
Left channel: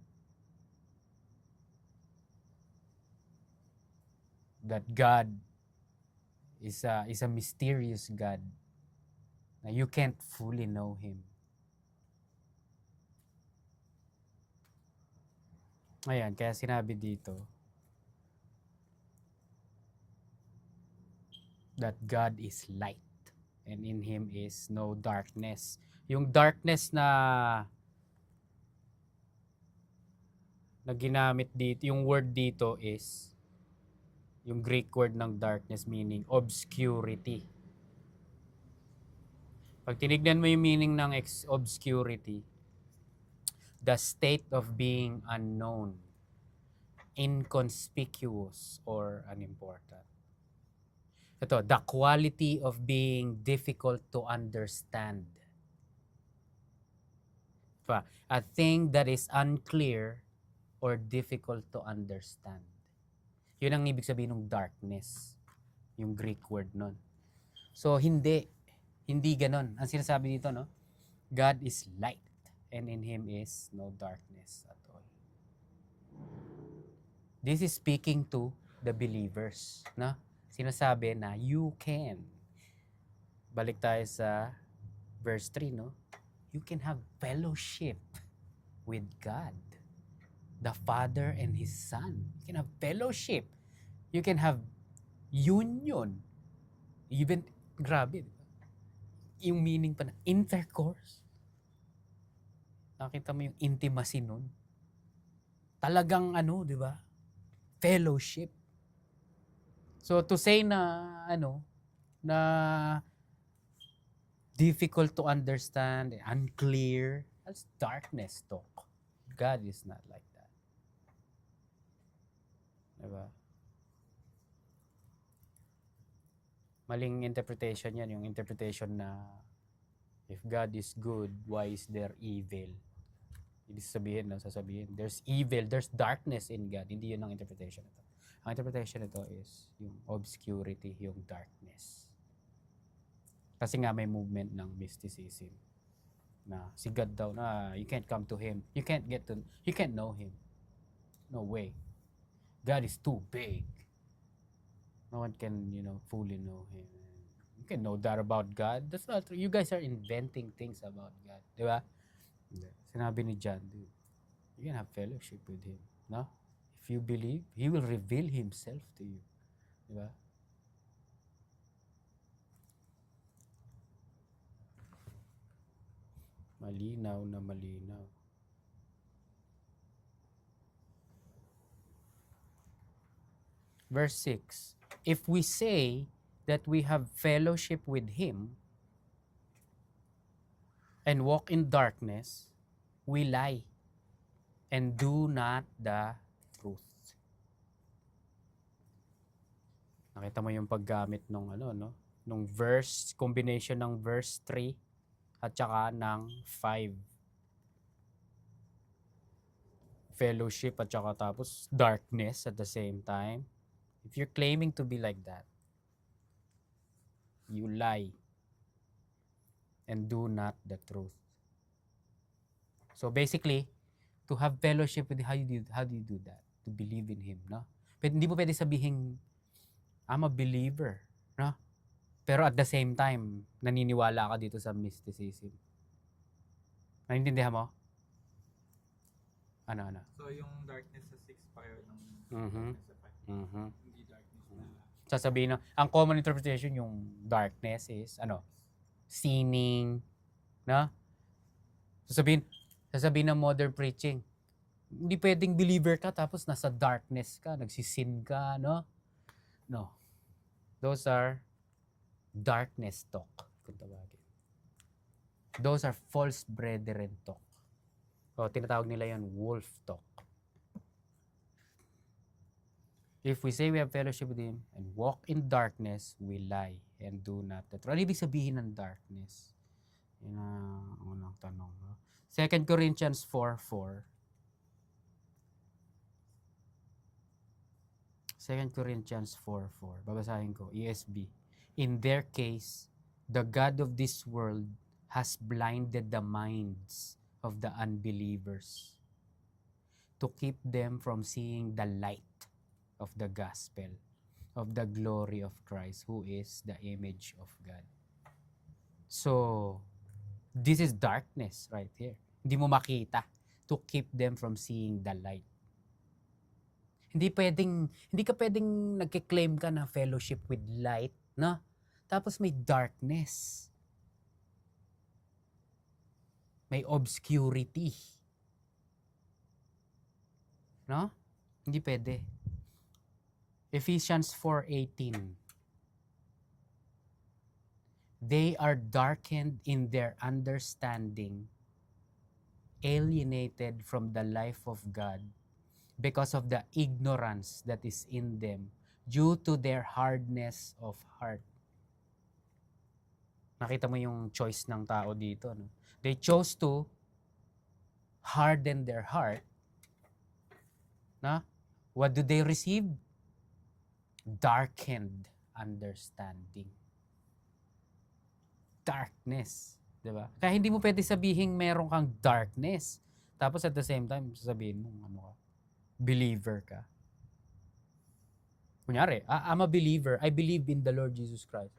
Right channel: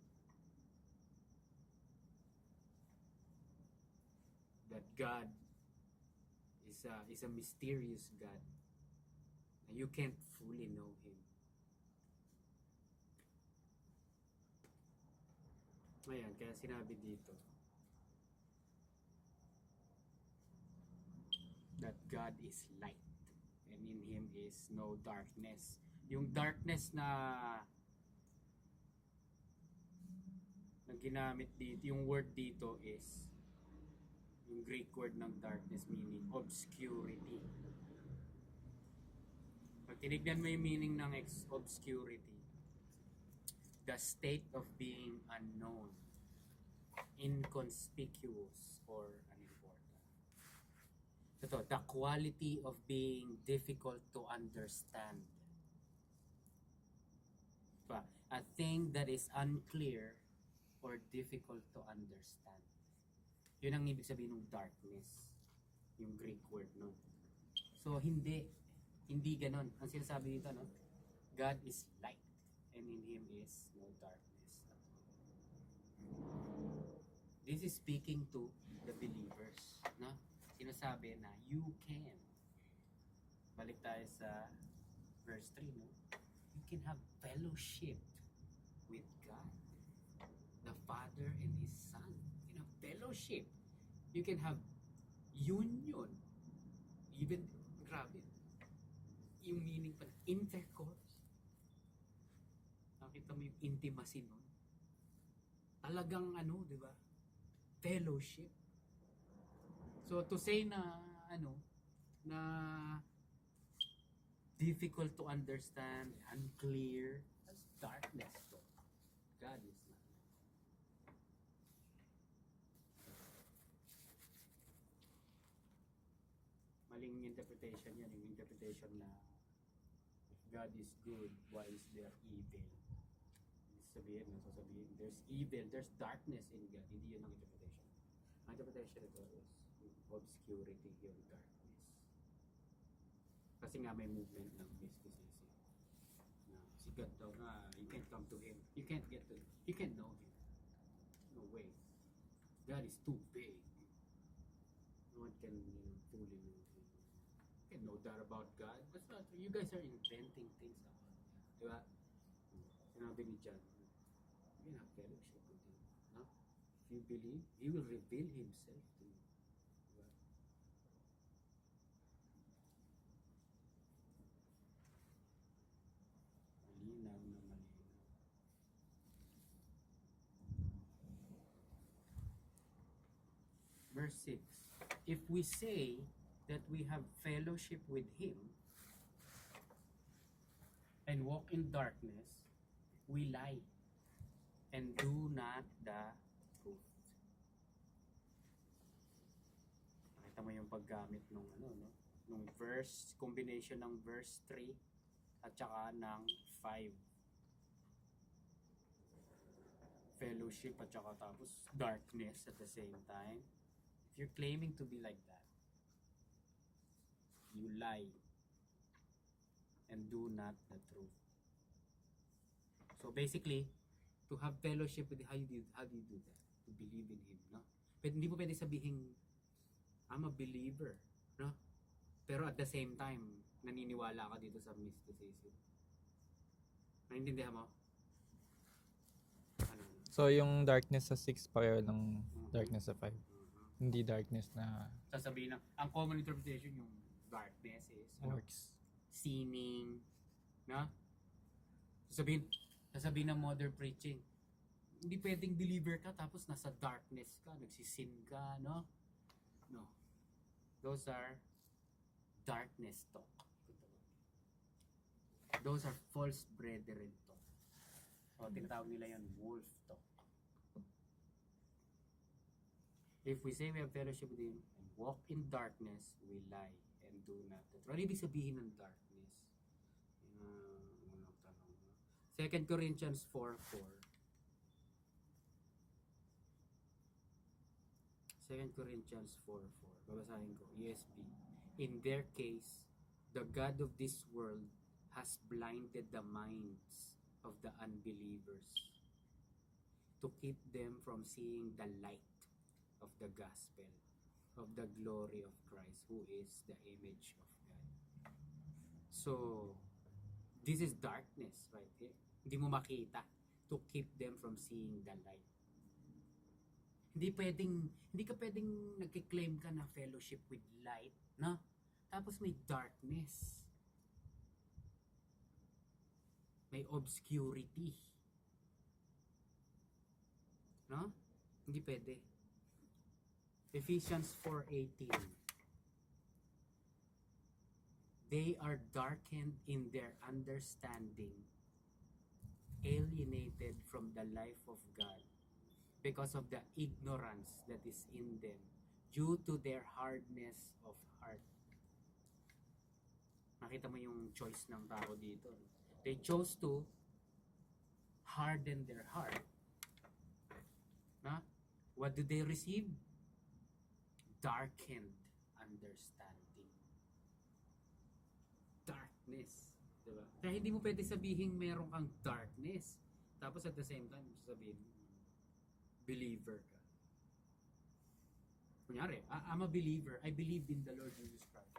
That God is a mysterious God na you can't fully know Him. Ayan, kaya sinabi dito that God is light and in Him is no darkness. Yung darkness na ginamit dito, yung word dito is yung Greek word ng darkness meaning obscurity. Pag tinignan mo yung meaning ng obscurity, the state of being unknown, inconspicuous, or unimportant. Ito, the quality of being difficult to understand. A thing that is unclear or difficult to understand. Yun ang ibig sabihin ng darkness, yung Greek word nun. So, hindi ganon. Ang sinasabi dito, no? God is light, and in Him is no darkness at all. This is speaking to the believers, no? Sinasabi na you can. Balik tayo sa verse 3, no? You can have fellowship with God, the Father and His Son. You can have fellowship. You can have union. Even, grabe, yung meaning pa na intercourse. Nakita mo yung intimacy nun. Talagang di ba? Fellowship. So to say na na difficult to understand, unclear, that's darkness talk. God is not like that. Diba? Maling interpretation yan, yung interpretation na if God is good, why is there evil? Ibig sasabihin, there's evil, there's darkness in God. Hindi yun ang interpretation ito. Ang interpretation ito is yung obscurity, yung darkness. Kasi nga may movement ng mysticism na si God daw na you can't come to Him. You can't know Him. No way. God is too big. No one can, fully know Him. You can know that about God. That's not true. You guys are inventing things about God. Di ba? Sinabi ni John, dude, you can have fellowship with Him. No? If you believe, He will reveal Himself to you. Di ba? Malinaw na malinaw. Verse 6. If we say that we have fellowship with Him and walk in darkness, we lie and do not the truth. Nakita mo yung paggamit nung nung verse, combination ng verse 3 at saka ng 5. Fellowship at saka tapos darkness at the same time. If you're claiming to be like that, you lie and do not the truth. So basically, to have fellowship with, how do you do that? To believe in Him, no? Pero hindi mo pwede sabihin, I'm a believer, no? Pero at the same time, naniniwala ka dito sa mysticism. Naintindihan mo? Ano? So, yung darkness sa 6 pareho ng Mhm. darkness sa 5. Mhm. Hindi darkness na Sasabihin na, ang common interpretation yung darkness is, works. sinning, no? Sasabihin ng modern preaching, hindi pwedeng believer ka tapos nasa darkness ka, nagsisin ka, no? No. Those are darkness talk, kung tawagin. Those are false brethren talk. So, tinatawag nila yon wolf talk. If we say we have fellowship with Him and walk in darkness, we lie and do not the truth. Ano ibig sabihin ng darkness? Yun ang unang tanong. No? 2 Corinthians 4:4. 2 Corinthians 4:4. Babasahin ko, ESV. In their case, the God of this world has blinded the minds of the unbelievers to keep them from seeing the light of the gospel of the glory of Christ, who is the image of God. So, this is darkness right here. Hindi mo makita, to keep them from seeing the light. Hindi ka pwedeng nagke-claim ka na fellowship with light, no? Tapos may darkness. May obscurity. No? Hindi pwede. Ephesians 4:18. They are darkened in their understanding, alienated from the life of God because of the ignorance that is in them due to their hardness of heart. Nakita mo yung choice ng tao dito, no? They chose to harden their heart. Na? What do they receive? Darkened understanding. Darkness. Diba? Kaya hindi mo pwede sabihin meron kang darkness. Tapos at the same time, sasabihin mo, believer ka. Kunyari, I'm a believer. I believe in the Lord Jesus Christ.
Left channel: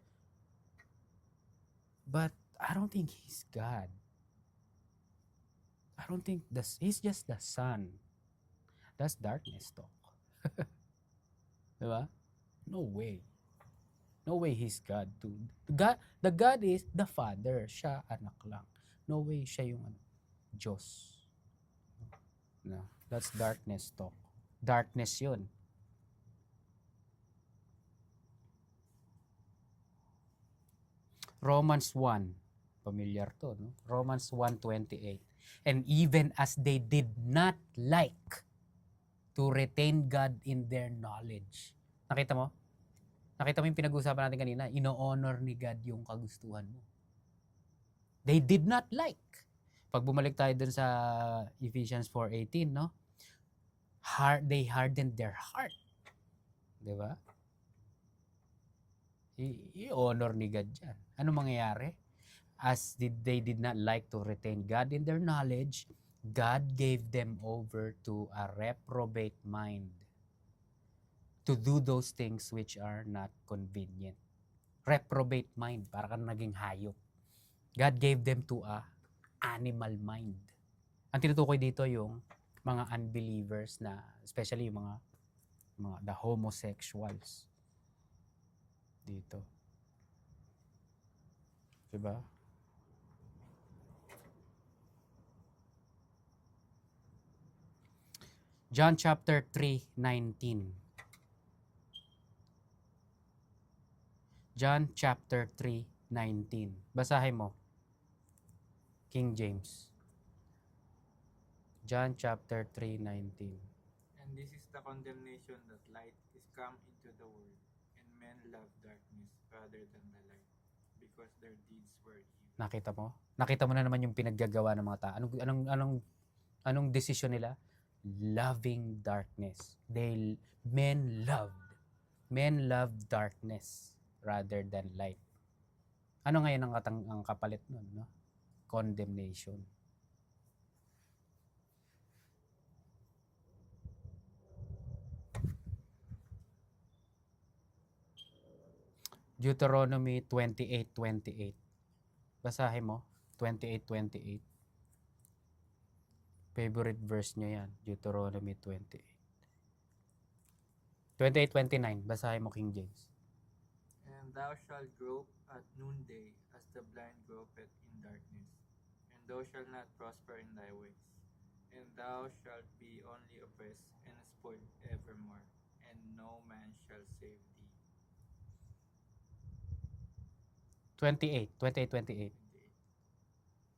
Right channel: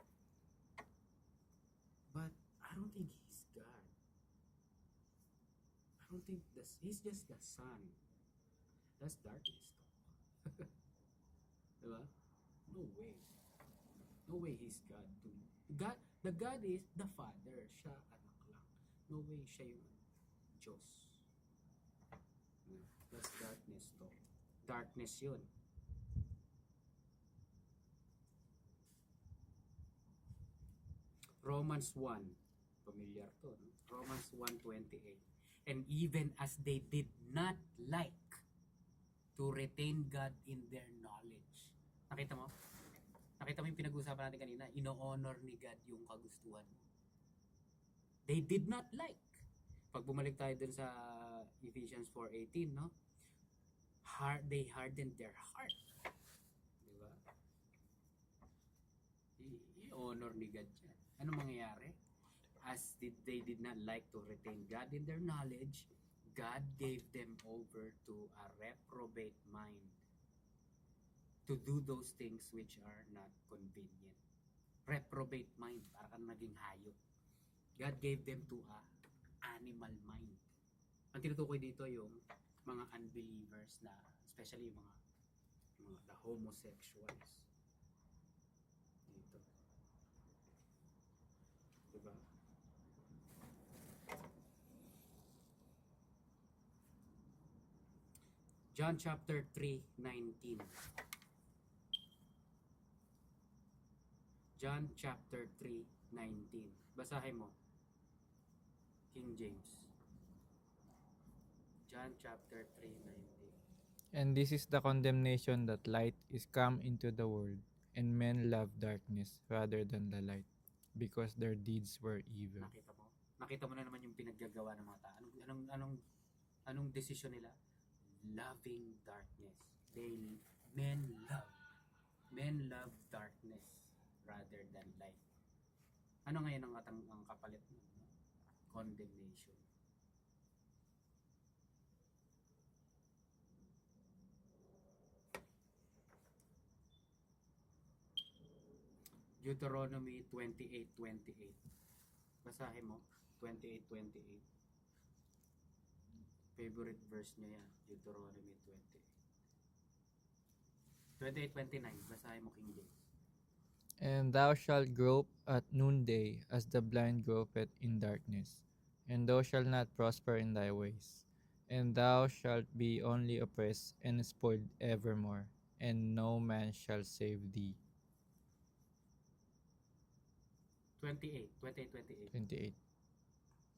But I don't think He's God. I don't think He's just the Son. That's darkness talk. Diba? No way. No way He's God too. The God is the Father. Siya anak lang. No way siya yung Diyos. No, that's darkness talk. Darkness yun. Romans 1. Familiar to, no? Romans 1:28. And even as they did not like to retain God in their knowledge. Nakita mo? Nakita mo yung pinag-uusapan natin kanina? Ino-honor ni God yung kagustuhan mo. They did not like. Pag bumalik tayo dun sa Ephesians 4:18, no? They hardened their heart. Diba? I-honor ni God dyan. Ano mangyayari? As they did not like to retain God in their knowledge, God gave them over to a reprobate mind to do those things which are not convenient. Reprobate mind, para kang naging hayop. God gave them to a animal mind. Ang tinutukoy dito yung mga unbelievers na, especially yung mga the homosexuals. Dito. Diba? John chapter 3:19. John chapter 3:19. Basahin mo. King James. John chapter 3:19. And this is the condemnation that light is come into the world, and men love darkness rather than the light, because their deeds were evil. Nakita mo? Nakita mo na naman yung pinaggagawa ng mga tao. Anong decision nila? Loving darkness. Men love darkness rather than light. Ano ngayon ang kapalit nun, no? Condemnation. Deuteronomy 28:28. Basahin mo, 28:28. Favorite verse nyo yan, Deuteronomy 28. 28:29, basahin mo King James. And thou shalt grope at noonday as the blind gropeth in darkness, and thou shalt not prosper in thy ways. And thou shalt be only oppressed and spoiled evermore, and no man shall save thee. 28. 28.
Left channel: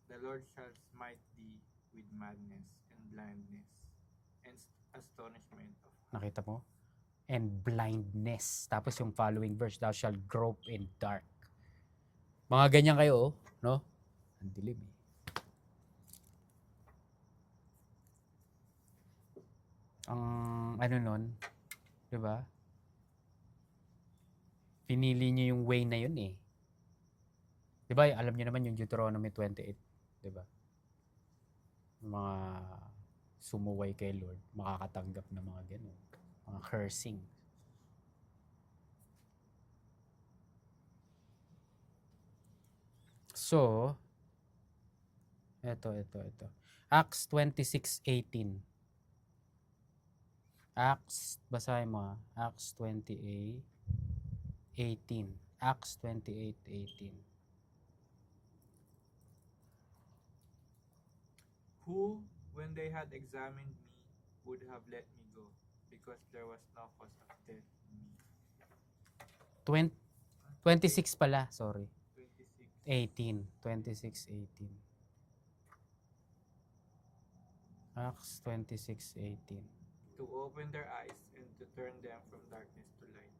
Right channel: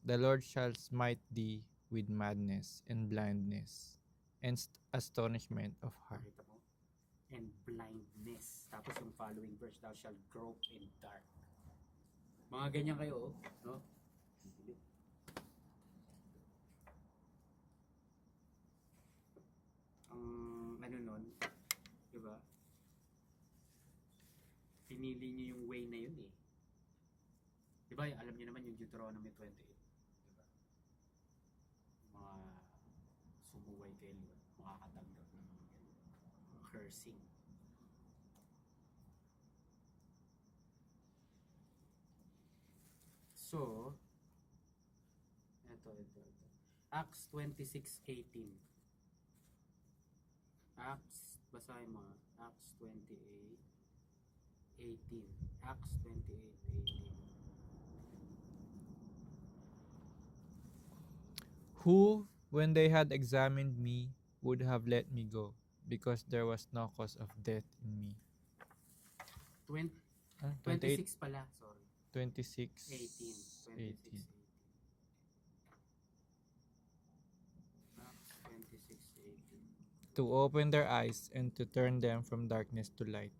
The Lord shall smite thee with madness and blindness and astonishment of heart. Nakita mo? And blindness. Tapos yung following verse, thou shalt grope in dark. Mga ganyan kayo, oh, no? Ang dilim eh. Ang ano nun, di ba? Pinili niyo yung way na yun eh. Di ba? Alam niyo naman yung Deuteronomy 28, di ba? Mga sumuway kay Lord, makakatanggap ng mga ganun. Mga cursing. So, ito. Acts 26:18. Acts, basahin mo ha. Acts 28:18. Acts 28:18. Who, when they had examined me, would have let me go, because there was no cause of death in me. 26 pala, sorry. 26. 18. 26:18. Acts 26:18. To open their eyes and to turn them from darkness to light,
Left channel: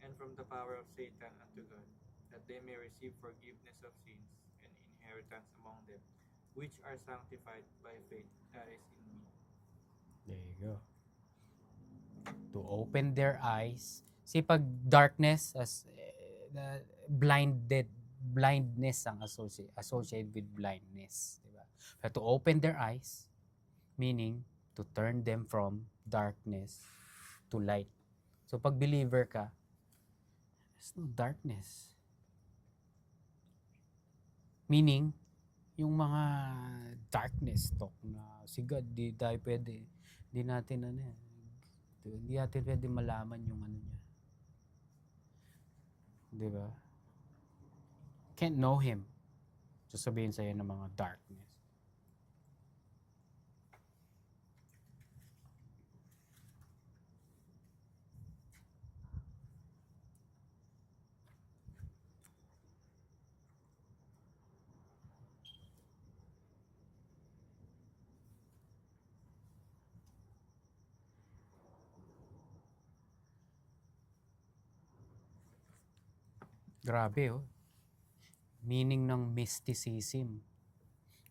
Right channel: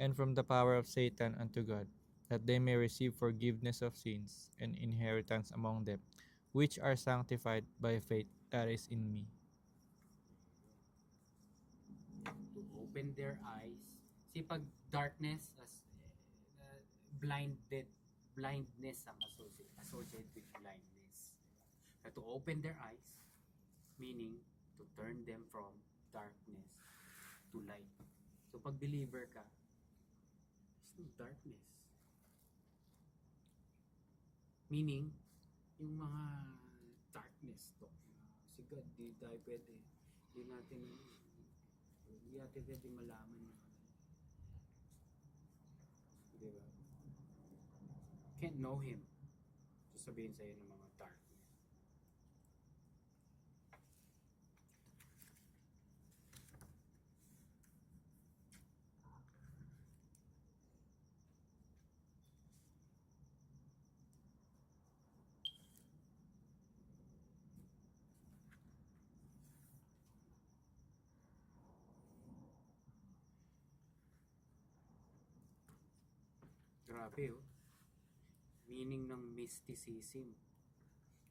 and from the power of Satan unto God, that they may receive forgiveness of sins and inheritance among them, which are sanctified by faith that is in me. There you go. To open their eyes. See, pag darkness, as blindness ang associated with blindness. Diba? But to open their eyes, meaning to turn them from darkness to light. So pag believer ka, there's no darkness. Meaning, yung mga darkness talk na si God, di tayo pwede, di natin pwede malaman yung ano niya. Di ba? Can't know Him. Sasabihin sa'yo ng mga darkness. Grabe oh. Meaning ng mysticism.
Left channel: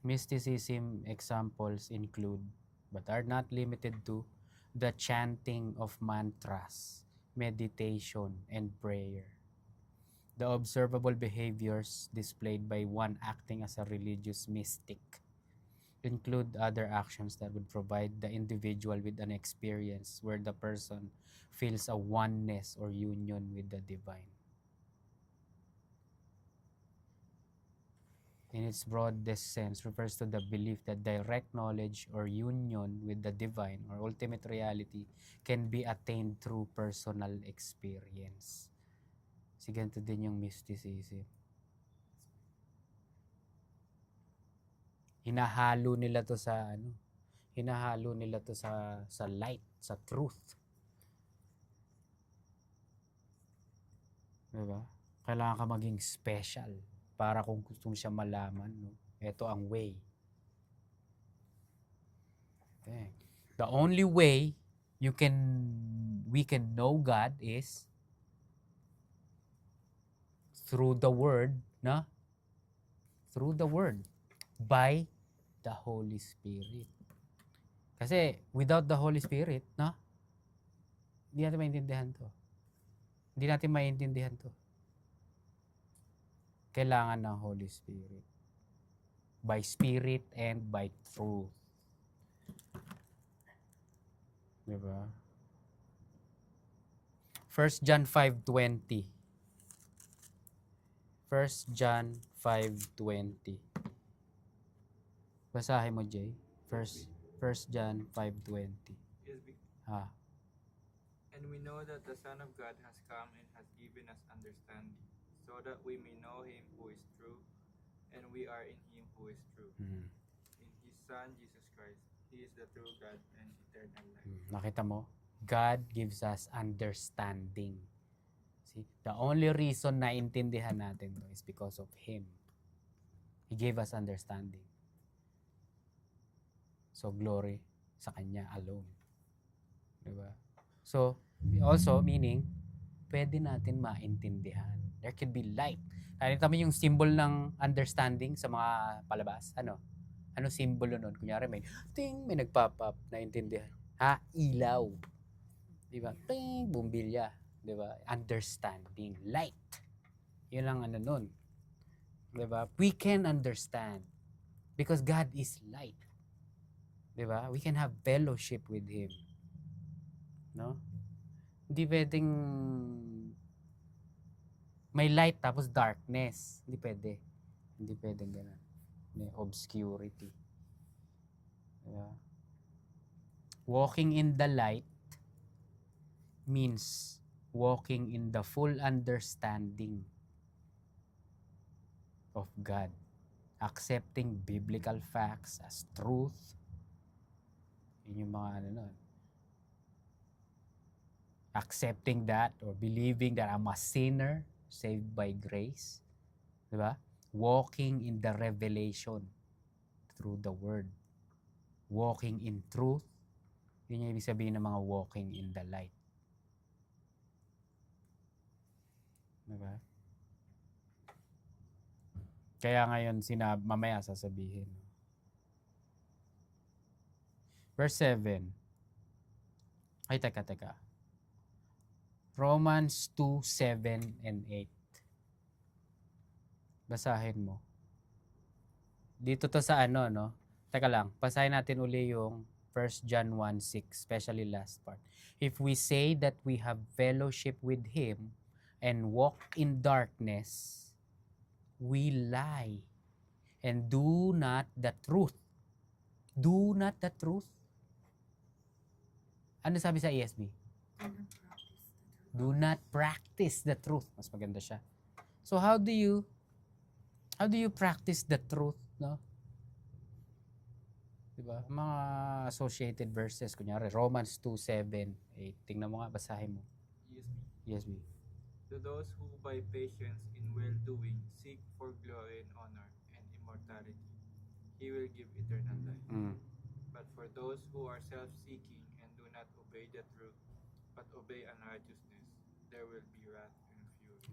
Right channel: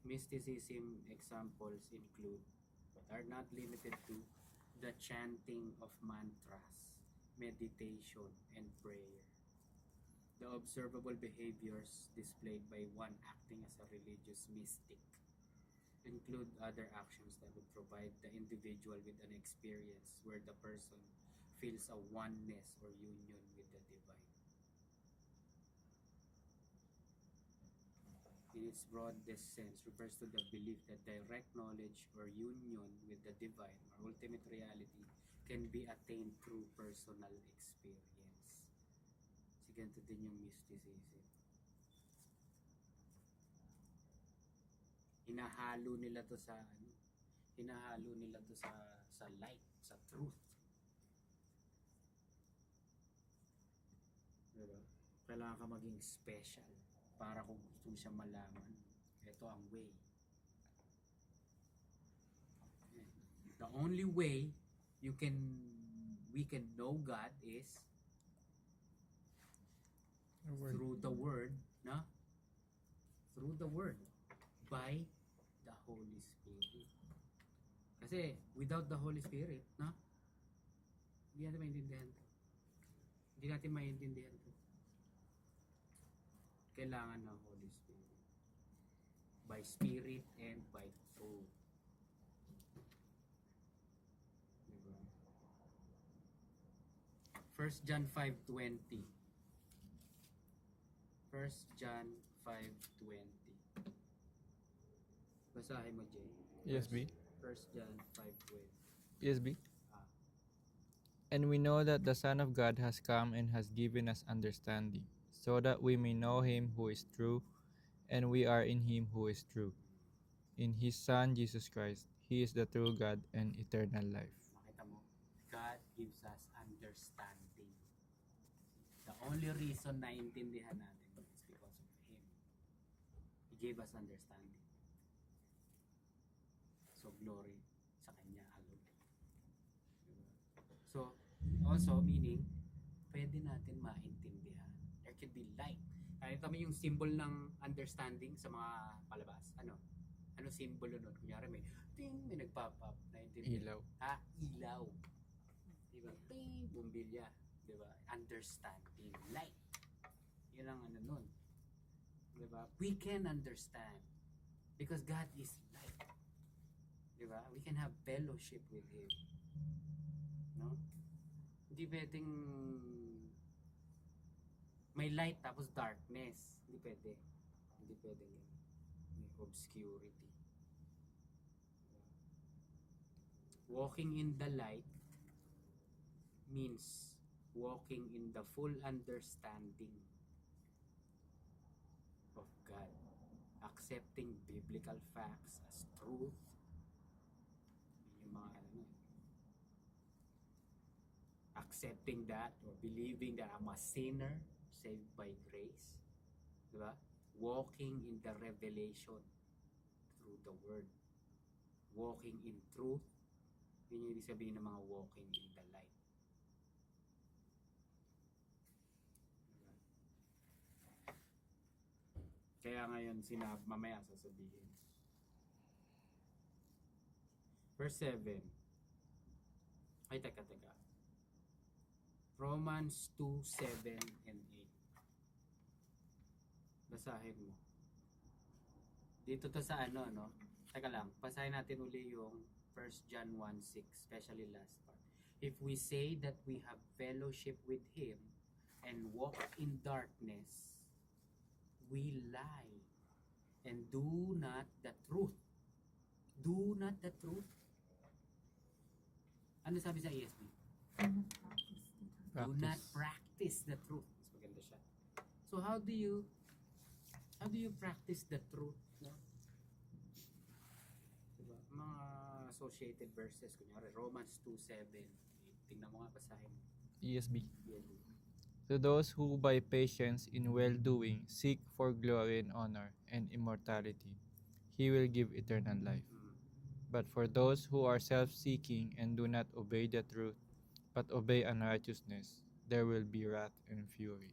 Mysticism examples include, but are not limited to, the chanting of mantras, meditation, and prayer. The observable behaviors displayed by one acting as a religious mystic include other actions that would provide the individual with an experience where the person feels a oneness or union with the divine. In its broadest sense, refers to the belief that direct knowledge or union with the divine or ultimate reality can be attained through personal experience. Si ganito din yung mysticism. Hinahalo nila to sa light, sa truth. Diba? Kailangan ka maging special para kung gusto mo siya malaman, no? Ito ang way. Okay. The only way we can know God is through the Word, no? Through the Word, by the Holy Spirit. Kasi without the Holy Spirit, no? Hindi natin maintindihan to. Kailangan ng Holy Spirit. By Spirit and by truth. Diba? 1 John 5:20. 1 John 5:20. Basahin mo, Jay. ESV. 1 John 5:20. ESV. Ah, And we know that the Son of God has come and has given us understanding, so that we may know him who is true, and we are in him who is true. mm, In his Son, Jesus Christ, he is the true God and eternal life. nakita mo? God gives us understanding. See, the only reason na intindihan natin to is because of Him. He gave us understanding. So, glory sa Kanya alone. Diba? So, also, meaning, pwede natin maintindihan. There could be light. Nakita mo yung symbol ng understanding sa mga palabas? Ano? Ano symbolo nun? Kunyari may nagpop up, naintindihan. Ilaw. Ha? Ilaw. Diba? Ting, bumbilya. Diba? Understanding. Light. Yun ang ano nun. Diba? We can understand. Because God is light. Diba? We can have fellowship with Him. No? Hindi pwedeng may light tapos darkness. Hindi pwede. Hindi pwedeng ganun. May obscurity. Diba? Walking in the light means walking in the full understanding of God. Accepting biblical facts as truth. Yun yung mga ano nun. Accepting that or believing that I'm a sinner saved by grace. Diba? Walking in the revelation through the word. Walking in truth. Yun yung ibig sabihin ng mga walking in the light. Diba? Kaya ngayon mamaya sasabihin. Verse 7. Ay, teka. Romans 2, 7 and 8. Basahin mo. Dito to sa ano, no? Teka lang, basahin natin uli yung 1 John 1, 6, especially last part. If we say that we have fellowship with Him and walk in darkness, we lie and do not the truth. Do not the truth. Ano sabi sa ESV? Do not practice the truth. Mas maganda siya. So how do you practice the truth, no? Diba? Mga associated verses, kunyari Romans 2, 7, 8. Tingnan mo nga, basahin mo. ESV. ESV. To those who by patience in well-doing seek for glory and honor and immortality, he will give eternal life. But for those who are self-seeking and do not obey the truth, but obey unrighteousness, there will be wrath and fury.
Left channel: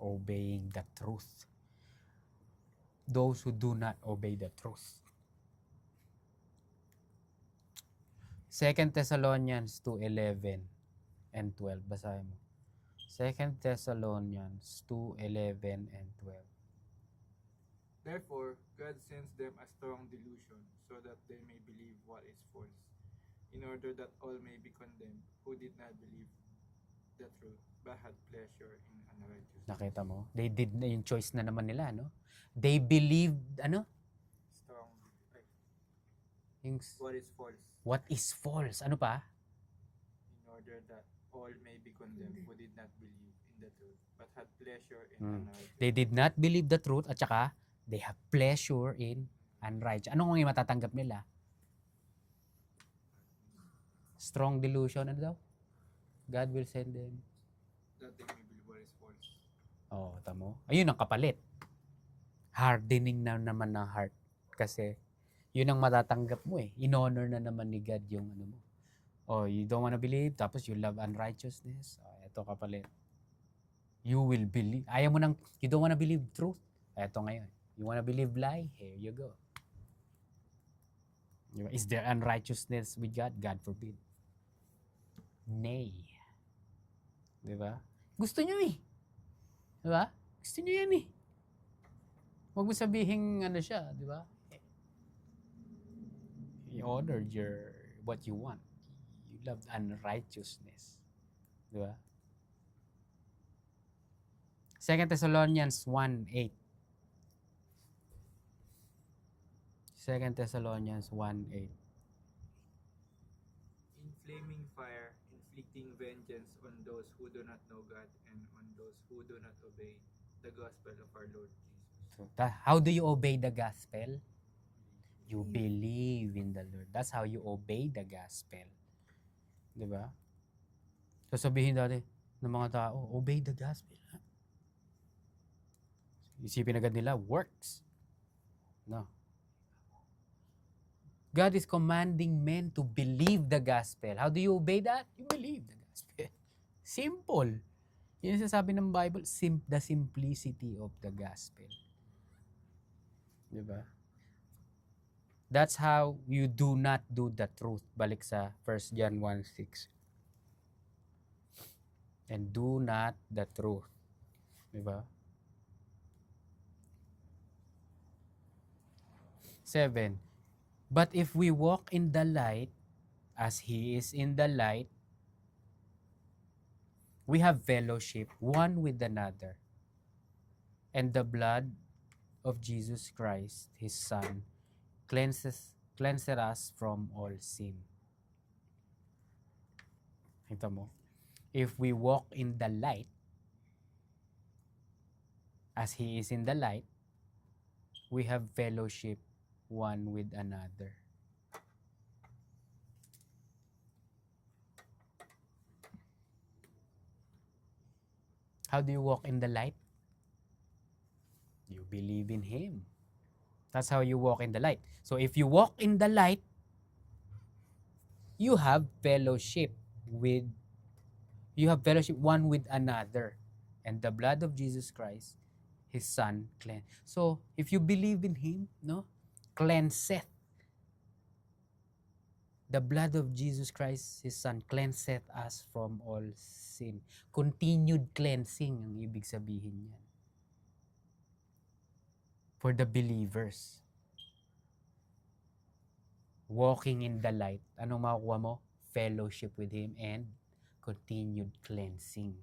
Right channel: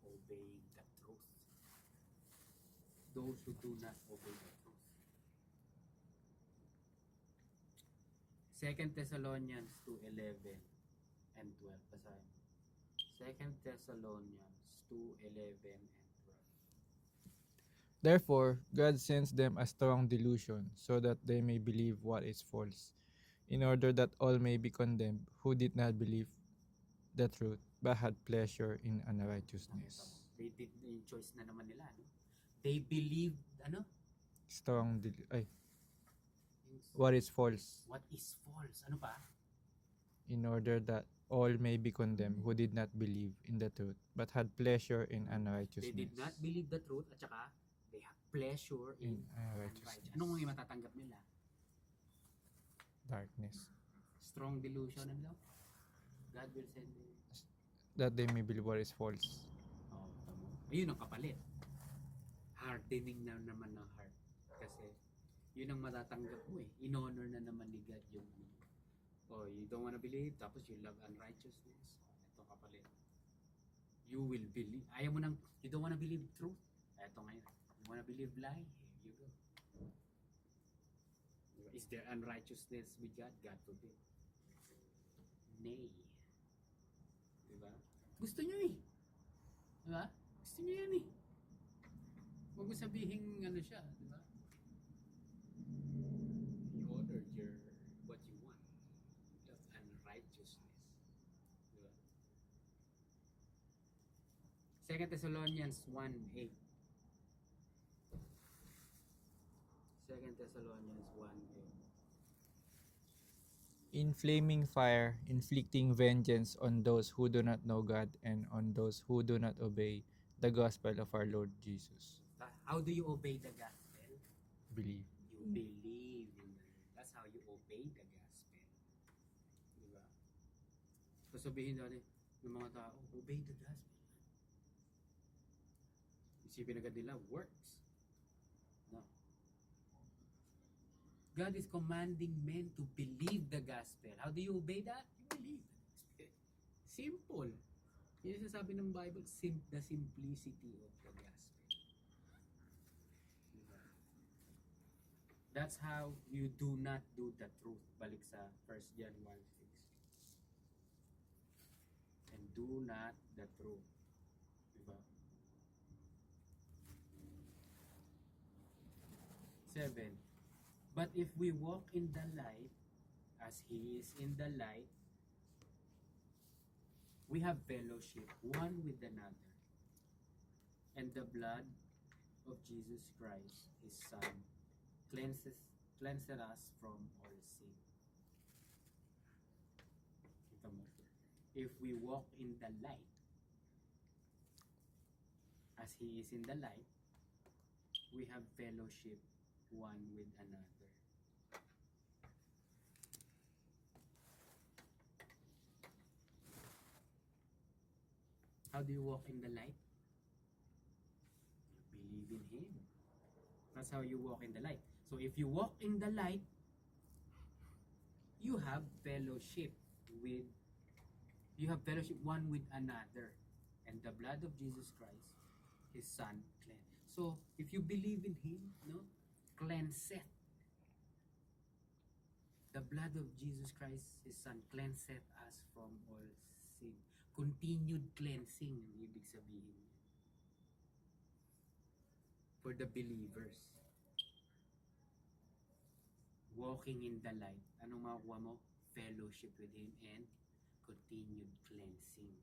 Obeying the truth. Those who do not obey the truth. 2 Thessalonians 2:11 and 12. Basahin mo. 2 Thessalonians 2:11 and 12. Therefore, God sends them a strong delusion, so that they may believe what is false, in order that all may be condemned who did not believe the truth, but had pleasure in unrighteousness. Nakita mo? They did na yung choice na naman nila, no? They believed, ano? Yung What is false, what is false? Ano pa? in order that all may be condemned who did not believe in the truth, but had pleasure in unrighteousness. They did not believe the truth at saka they have pleasure in unrighteousness. Ano ang matatanggap nila? Darkness. Strong delusion, ano daw? God will send them. That they may believe what is false. Oh, tamo. Ayun ang kapalit. Hardening na naman ng heart. Kasi, yun ang matatanggap mo eh. In-honor na naman ni God yung ano mo. Oh, you don't wanna believe, tapos you love unrighteousness. Oh, eto kapalit. You will believe. Ayaw mo you don't wanna believe truth. Eto ngayon. You wanna believe lie? Here you go. Is there unrighteousness with God? God forbid. Nay. Diba? Gusto nyo eh. Diba? Gusto nyo yan eh. Huwag mo sabihin ano siya, di ba? You honored what you want. You loved unrighteousness. Di ba? 2 Thessalonians 1:8. 2 Thessalonians 1:8. In flaming fire, inflicting vengeance on those who do not know God and on those who do not obey the gospel of our Lord Jesus. So, how do you obey the gospel? Believe. You believe in the Lord. That's how you obey the gospel. Di ba? Sasabihin dati ng mga tao, obey the gospel. Ha? Isipin agad nila, works. No. God is commanding men to believe the gospel. How do you obey that? You believe the gospel. Simple. Yun yung sasabi ng Bible, the simplicity of the gospel. Diba? That's how you do not do the truth. Balik sa 1 John 1:6. And do not the truth. Diba? 7. But if we walk in the light, as He is in the light, we have fellowship one with another. And the blood of Jesus Christ, His Son, cleanses us from all sin. Ito mo. If we walk in the light, as He is in the light, we have fellowship one with another. How do you walk in the light? You believe in Him. That's how you walk in the light. So if you walk in the light, you have fellowship one with another. And the blood of Jesus Christ, His Son, cleanse. So if you believe in Him, no, cleanseth. The blood of Jesus Christ, His Son, cleanseth us from all sin. Continued cleansing ang ibig sabihin niyan. For the believers. Walking in the light. Anong makukuha mo? Fellowship with Him and continued cleansing.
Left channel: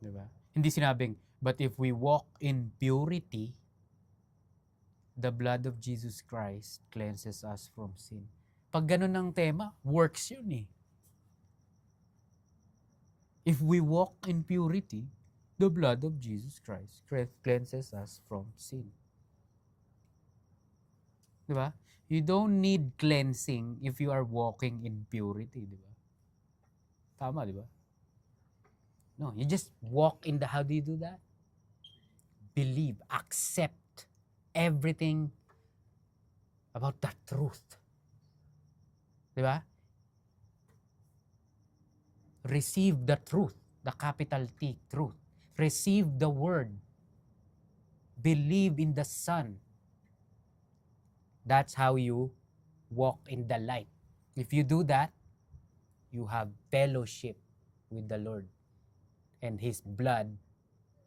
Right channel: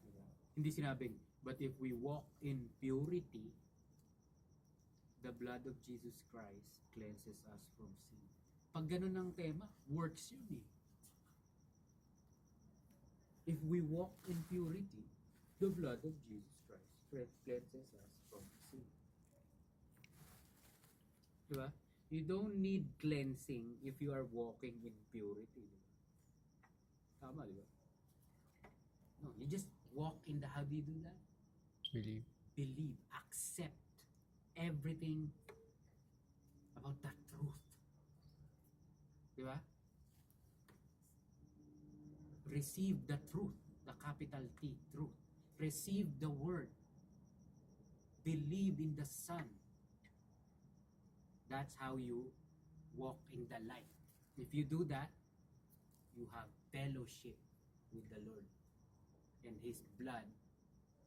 Diba? Hindi sinabing, but if we walk in purity, the blood of Jesus Christ cleanses us from sin. Pag ganun ang tema, works yun eh. If we walk in purity, the blood of Jesus Christ cleanses us from sin. Diba? You don't need cleansing if you are walking in purity, diba? Tama, diba? No, you just walk in how do you do that? Believe, accept everything about the truth. Diba? Receive the truth, the capital T, truth. Receive the word. Believe in the Son. That's how you walk in the light. If you do that, you have fellowship with the Lord. And His blood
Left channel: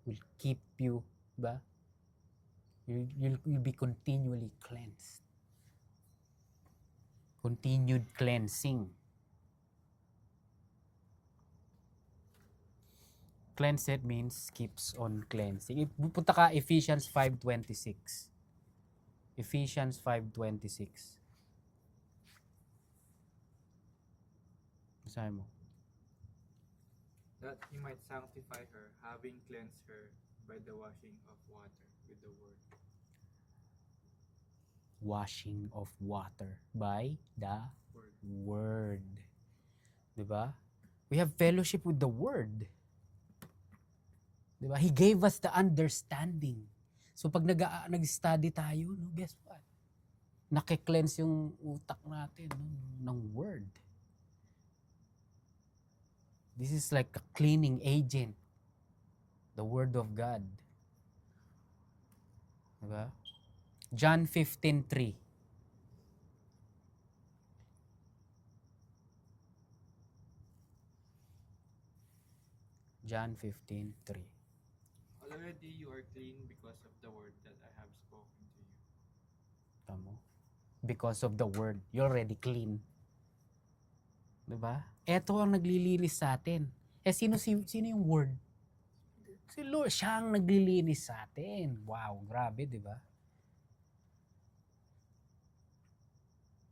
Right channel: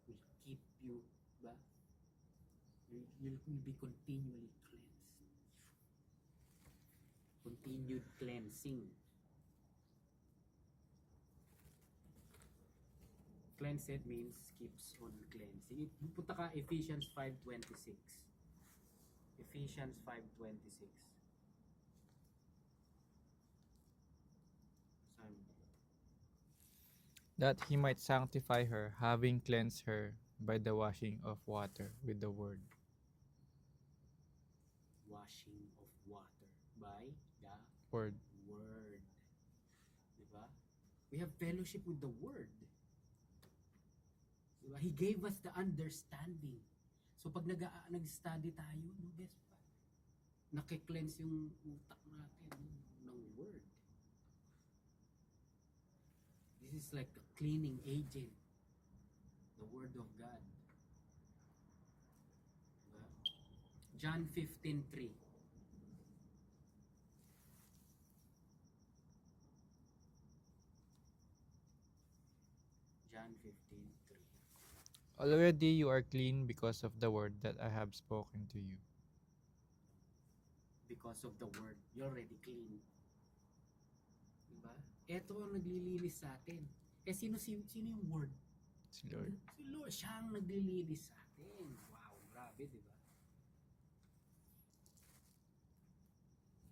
will keep you, ba? You'll be continually cleansed. Continued cleansing. Cleansed means keeps on cleansing. Punta ka Ephesians 5:26. Ephesians 5:26. Basahin mo. That He might sanctify her, having cleansed her by the washing of water with the word. Washing of water by the word. Diba? We have fellowship with the word. Diba? He gave us the understanding. So pag nag-study tayo, no, guess what? Naki-cleanse yung utak natin ng word. This is like a cleaning agent. The word of God. Diba? John 15:3. John 15:3. Already you are clean because of the word that I have spoken to you. Tamo. Because of the word, you're already clean. Diba? Ito ang naglilinis sa atin. Sino yung word? Si Lord. Si Lord, siya ang naglilinis sa atin. Wow, grabe, di ba?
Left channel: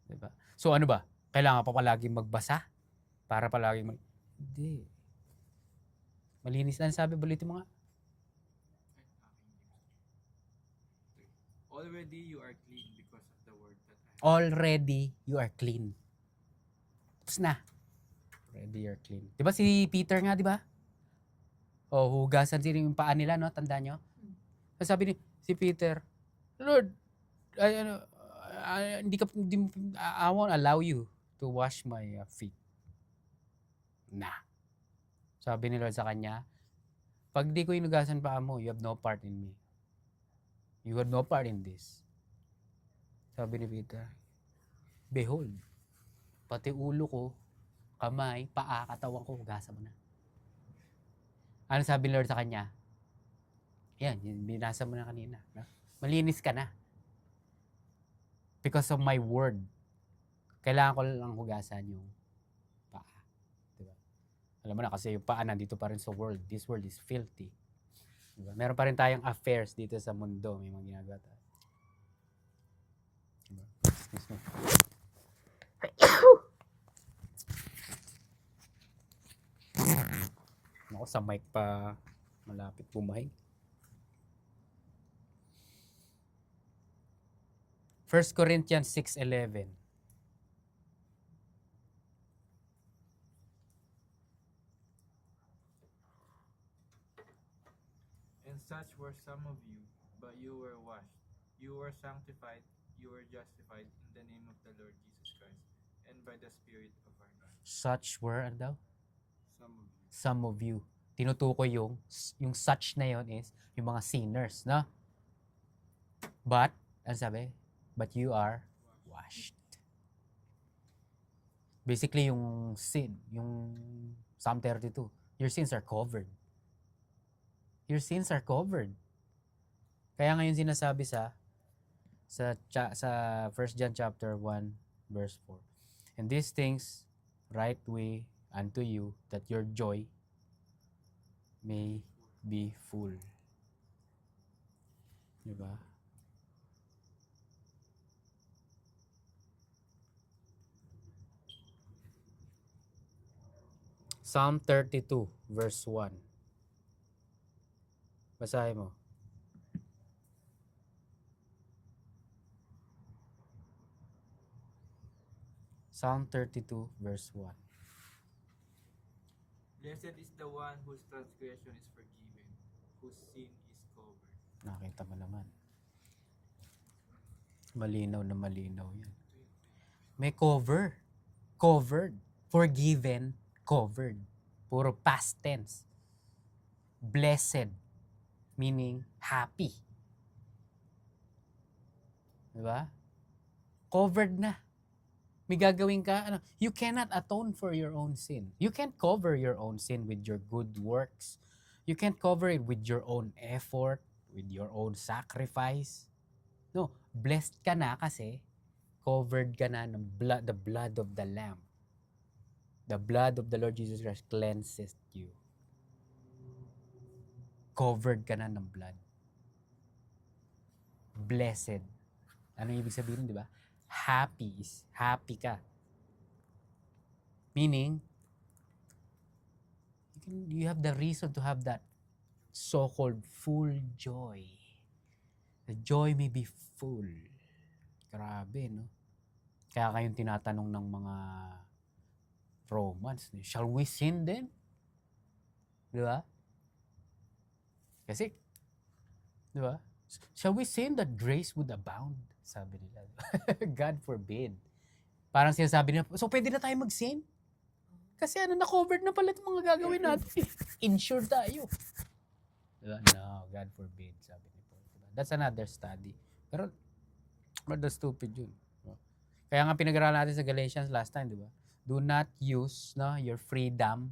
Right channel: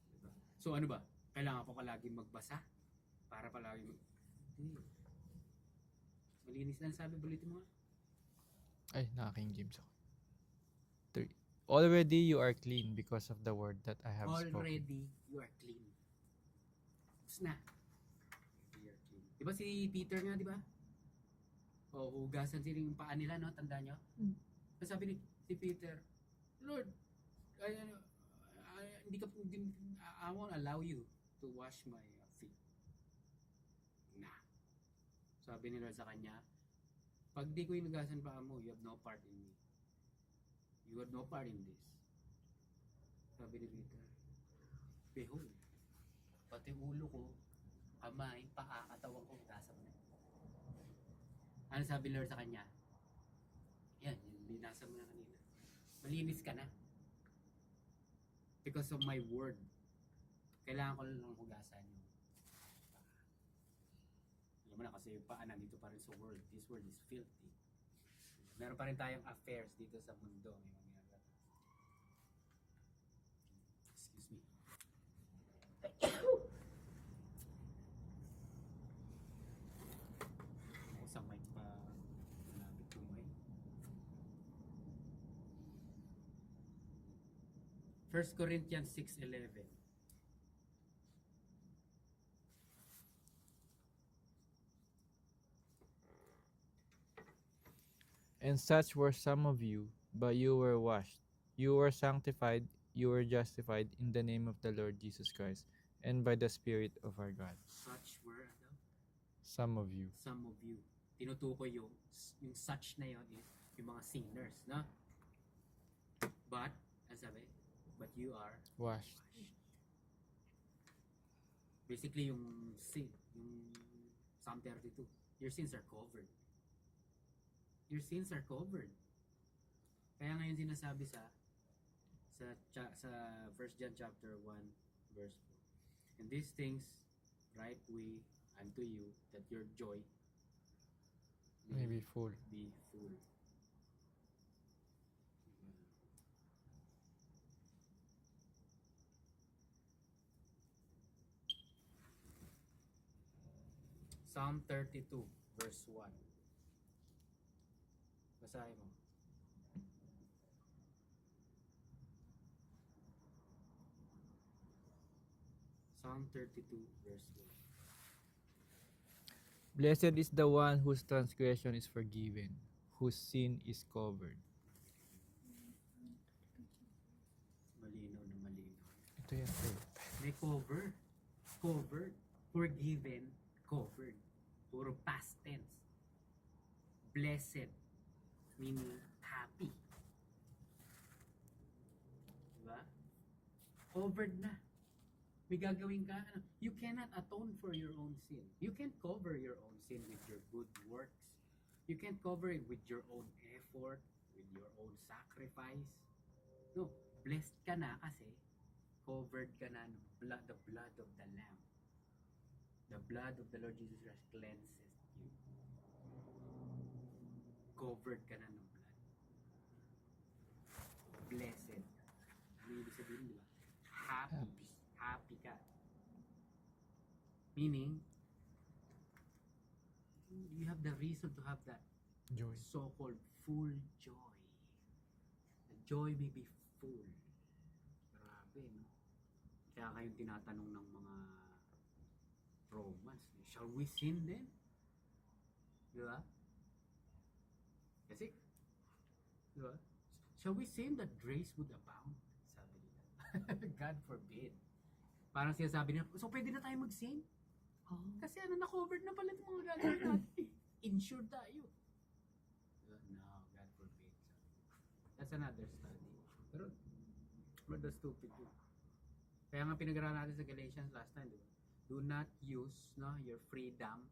Diba? So ano ba? Kailangan pa palagi magbasa? Para palagi Hindi. Malinis na sabi, balitin mo nga. Ay, naka-King James ako. 3. Already you are clean because of the word that I have spoken. Already, you are clean. Tapos na. Already, you're clean. Di ba si Peter nga, di ba? O, hugasan sila yung paa nila, no? Tandaan nyo? Sabi ni si Peter, Lord, I won't allow you to wash my feet. Nah. Sabi ni Lord sa kanya, pag di ko inugasan paa mo, you have no part in me. You have no part in this. Sabi ni Peter, behold, pati ulo ko, kamay, paa, katawan ko, hugasan mo na. Ano sabi ni Lord sa kanya? Yan, binasa mo na kanina. No? Malinis ka na. Because of my word. Kailangan ko lang hugasan yung paa. Diba? Alam mo na kasi yung paa nandito pa rin sa world. This world is filthy. Diba? Meron pa rin tayong affairs dito sa mundo. May mga ginagawa tayo. Diba? Excuse me. Ako sa mic pa malapit bumahing. 1 Corinthians 6:11. And such were some of you, but you were washed, you were sanctified, you were justified in the name of the Lord Jesus Christ, and by the Spirit of our God. Such were, ano daw? Some of you. Some of you. Tinutukoy yung such na yon is yung mga sinners, no? But, ano sabi? But you are Washed. washed. Basically, yung sin, yung Psalm 32, your sins are covered. Your sins are covered. Kaya ngayon sinasabi sa 1 John chapter 1 verse 4. And these things write we unto you, that your joy may Be full. be full. Diba? Psalm 32 verse 1. Basahin mo. Psalm 32 verse 1. Blessed is the one whose transgression is forgiven, whose sin is covered. Nakita mo naman. Malinaw na malinaw yan. Ito yan. May cover. Covered. Forgiven. Covered. Puro past tense. Blessed. Meaning happy. Diba? Covered na. May gagawin ka. You cannot atone for your own sin. You can't cover your own sin with your good works. You can't cover it with your own effort, with your own sacrifice. No, blessed ka na kasi covered ka na ng the blood of the Lamb. The blood of the Lord Jesus Christ cleanses you. Covered ka na ng blood. Blessed. Ano ibig sabihin, di ba? Happy is happy ka. Meaning, you have the reason to have that Joy. so-called full joy. The joy may be full. Grabe, no? Kaya kayong tinatanong ng mga Romans, shall we sin then? Di ba? Kasi, di ba? Shall we sin that grace would abound? Sabi nila. God forbid. Parang sinasabi nila, so pwede na tayo mag-sin? Oh. Kasi na-covered na pala itong mga gagawin natin. Insured tayo. Diba? No, God forbid, sabi ni Paul. Diba? That's another study. Pero, but that's stupid yun. Diba? Kaya nga pinag-aralan natin sa Galatians last time, di ba? Do not use your freedom,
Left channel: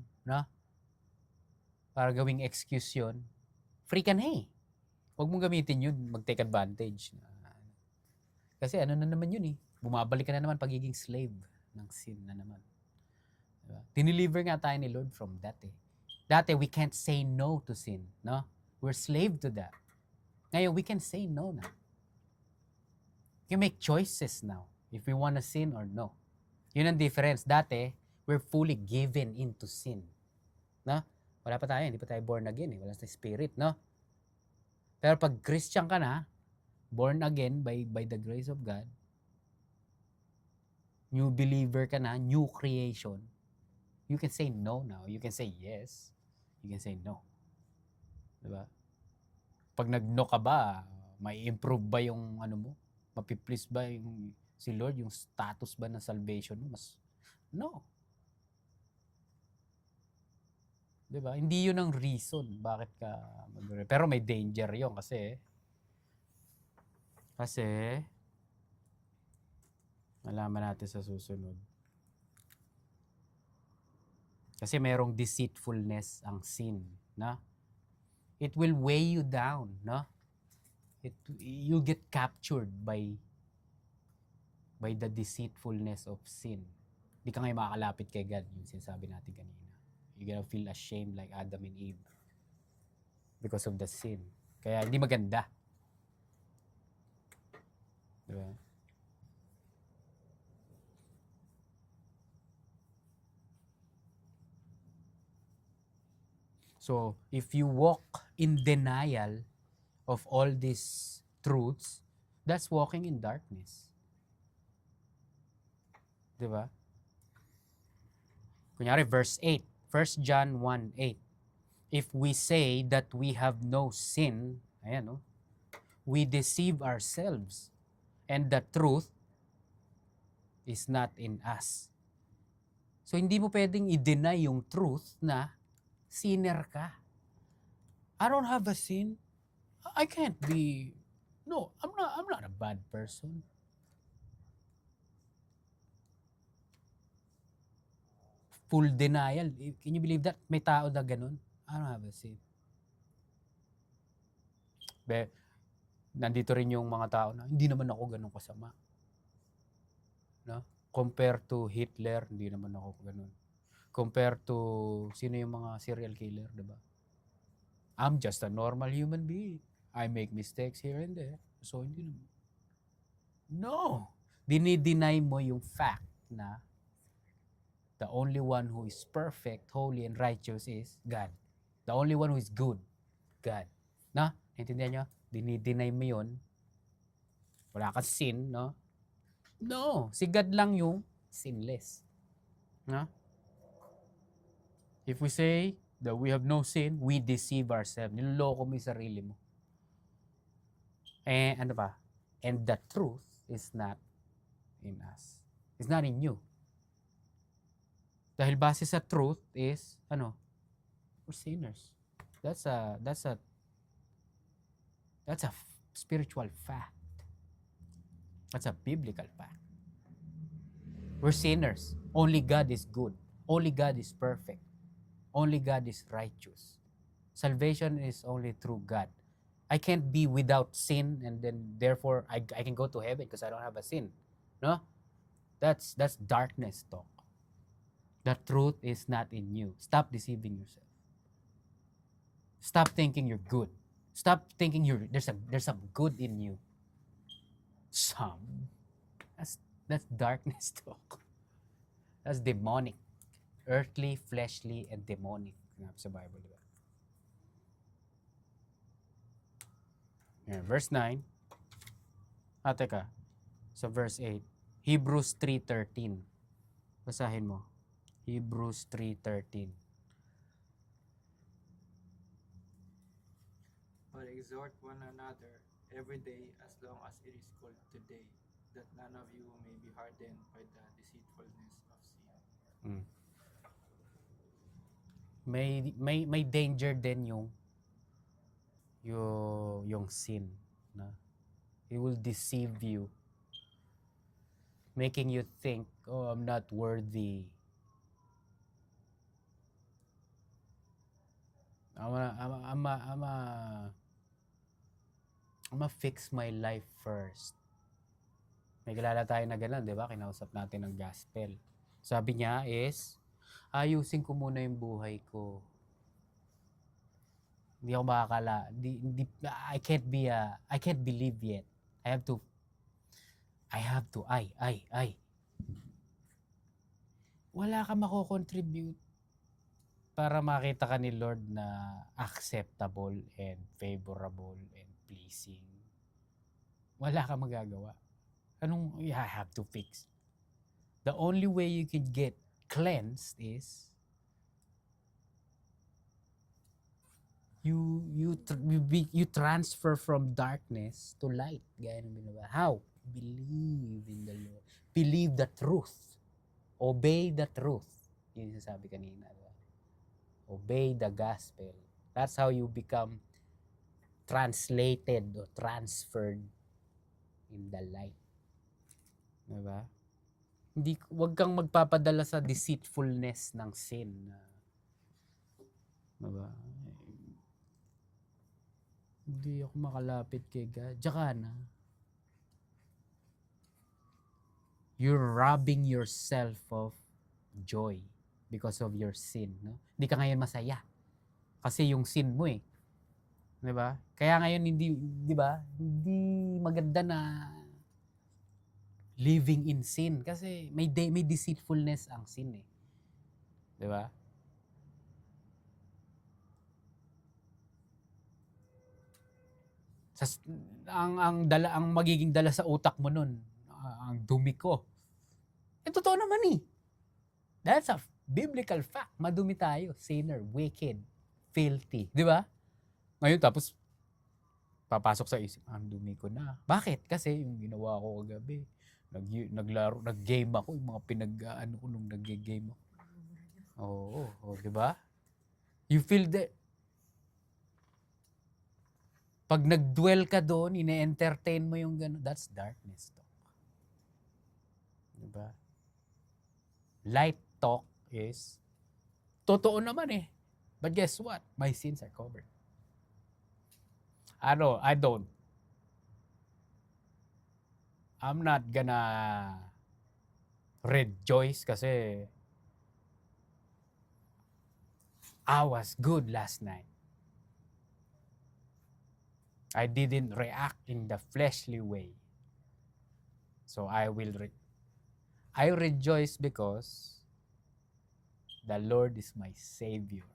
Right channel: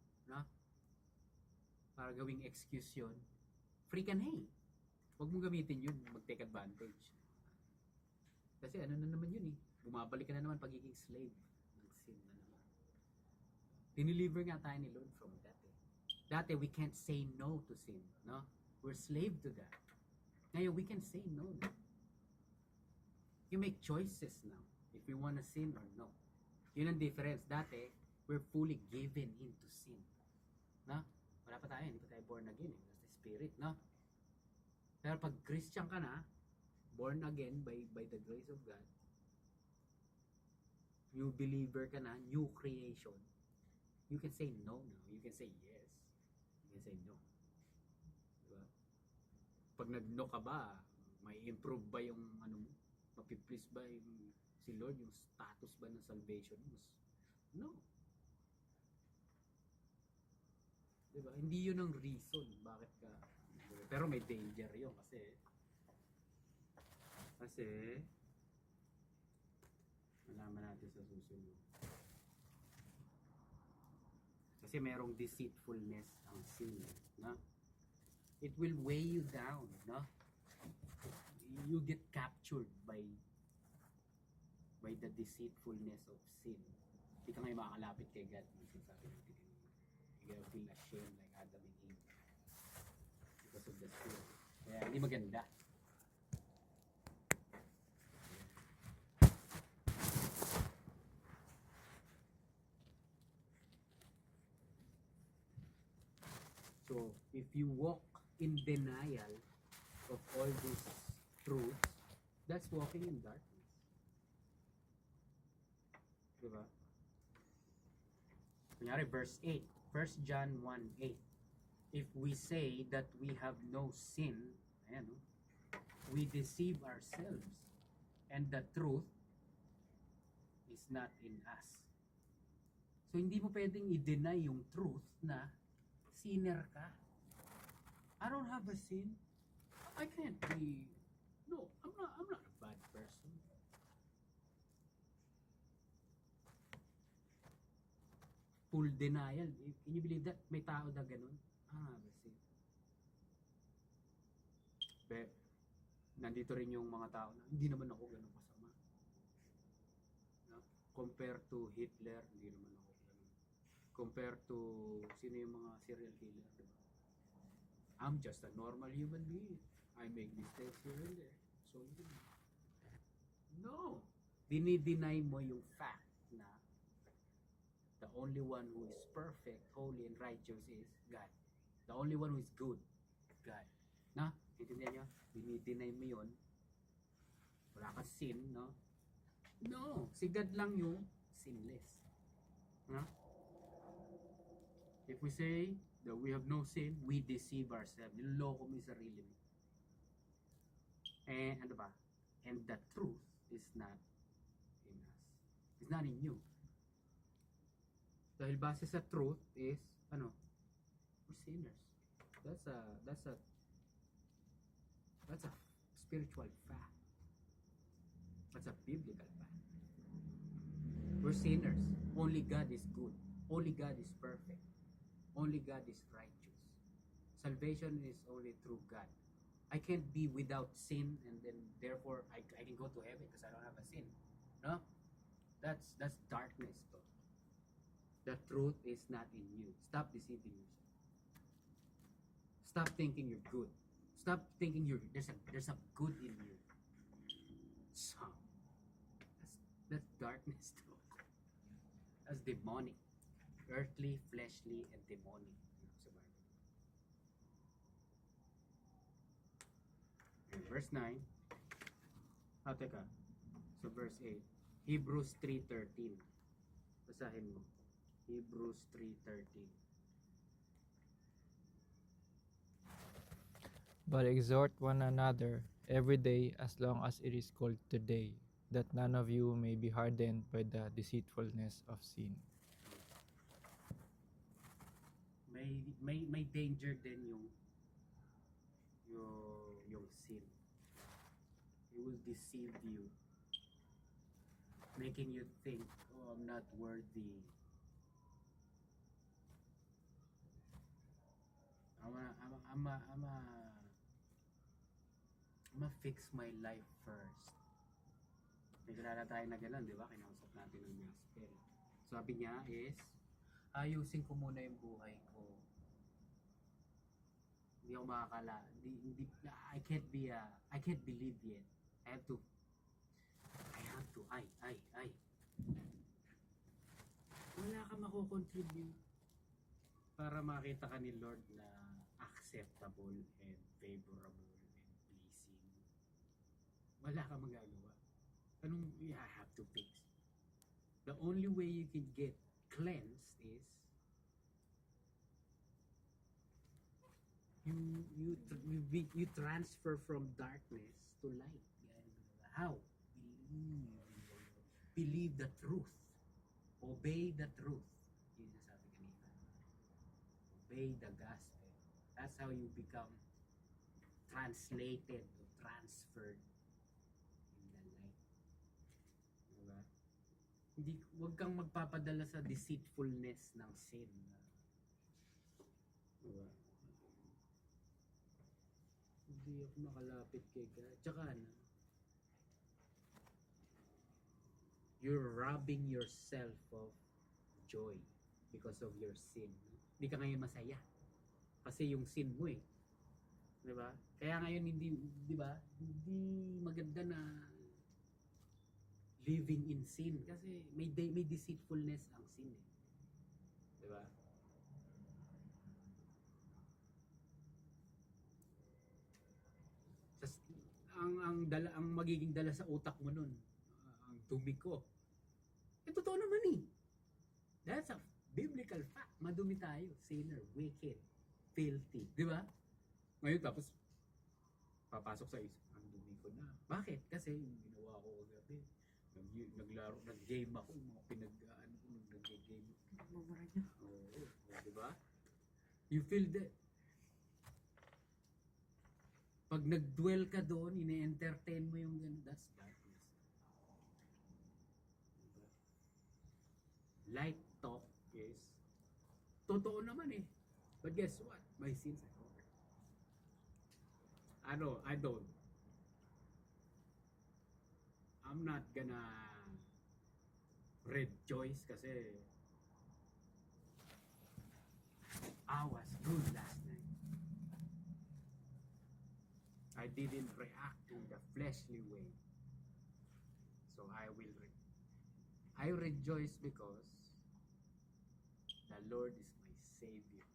para gawing excuse yun, free ka na eh. Huwag mong gamitin yun, mag-take advantage. Kasi ano na naman yun eh, bumabalik ka na naman pagiging slave ng sin na naman. Diba? Dineliver nga tayo ni Lord from that eh. Dati, we can't say no to sin, no? We're slave to that. Ngayon, we can say no na. You make choices now if we want to sin or no. Yun ang difference. Dati, we're fully given into sin. No? Wala pa tayo, hindi pa tayo born again. Wala sa spirit, no? Pero pag Christian ka na, born again by the grace of God, new believer ka na, new creation, you can say no now. You can say yes. You can say no. Diba? Pag nag-no ka ba, may improve ba yung ano mo? Mapiplease ba yung si Lord, yung status ba ng salvation mo? No. Diba? Hindi yun ang reason bakit ka pero may danger yun kasi malaman natin sa susunod. Kasi merong deceitfulness ang sin, na? It will weigh you down, no? You get captured by the deceitfulness of sin. Hindi ka ngayon makakalapit kay God, yung sinasabi natin kanina. You're gonna feel ashamed like Adam and Eve because of the sin. Kaya hindi maganda. Yeah. So, if you walk in denial of all these truths, that's walking in darkness. Diba? Kunyari, verse 8. 1 John 1:8. If we say that we have no sin, ayan, no? We deceive ourselves, and the truth is not in us. So, hindi mo pwedeng i-deny yung truth na sinner ka. I don't have a sin. I can't be. No, I'm not a bad person. Full denial. Can you believe that? May tao na ganun. I don't have a sin. Nandito rin yung mga tao na hindi naman ako ganun kasama. No? Compare to Hitler, hindi naman ako ganun. Compare to sino yung mga serial killer, diba? I'm just a normal human being. I make mistakes here and there. So, hindi naman. No! Dinideny mo yung fact na the only one who is perfect, holy, and righteous is God. The only one who is good, God. Na? Naintindihan nyo? Dinideny mo yun. Wala ka sin, no? No! Si God lang yung sinless. No? If we say that we have no sin, we deceive ourselves. Niloloko mo yung sarili mo. And ano pa? And the truth is not in us. It's not in you. Dahil base sa truth is, ano? We're sinners. That's a spiritual fact. That's a biblical fact. We're sinners. Only God is good. Only God is perfect. Only God is righteous. Salvation is only through God. I can't be without sin and then therefore I can go to heaven because I don't have a sin. No? That's darkness talk. The truth is not in you. Stop deceiving yourself. Stop thinking you're good. Stop thinking there's some good in you. Some. That's darkness talk. That's demonic. Earthly, fleshly, and demonic. Sa Bible, diba? Yan, verse 9. Teka. Sa verse 8. Hebrews 3:13. Basahin mo. Hebrews 3:13. But exhort one another every day as long as it is called today, that none of you may be hardened by the deceitfulness of sin. May danger din yung sin, no? It will deceive you, making you think, oh, I'm not worthy. fix my life first. May kilala tayo na gano'n, di ba? Kinausap natin ng gospel. Sabi niya is, ayusin ko muna yung buhay ko. Hindi ako I can't believe yet. I have to, wala ka mako-contribute para makita ka ni Lord na acceptable and favorable and pleasing. Wala ka magagawa. Anong I have to fix? The only way you could get cleansed is you transfer from darkness to light. Gaya ng binaba. How? Believe in the Lord. Believe the truth. Obey the truth. Yun yung sabi kanina. Diba? Obey the gospel. That's how you become translated or transferred in the light. Diba? Wag kang magpapadala sa deceitfulness ng sin. Diba? Hindi ako makalapit kay God. Tsaka na. You're robbing yourself of joy because of your sin. No? Hindi ka ngayon masaya. Kasi yung sin mo eh. Diba? Kaya ngayon di ba? Hindi maganda na living in sin. Kasi may deceitfulness ang sin eh. Diba? Ang magiging dala sa utak mo nun, ang dumi ko. Totoo naman eh. That's a biblical fact. Madumi tayo. Sinner, wicked, filthy. Di ba? Ngayon tapos, papasok sa isip, ang dumi ko na. Bakit? Kasi yung ginawa ko kagabi, nag-game ako, yung mga pinag-ano ko nung nag-game ako. Oo, di ba? You feel that, pag nag-dwell ka doon, ine-entertain mo yung gano'n, that's darkness talk. Diba? Light talk is, totoo naman eh. But guess what? My sins are covered. I'm not gonna rejoice kasi I was good last night. I didn't react in the fleshly way. So I rejoice because the Lord is my Savior.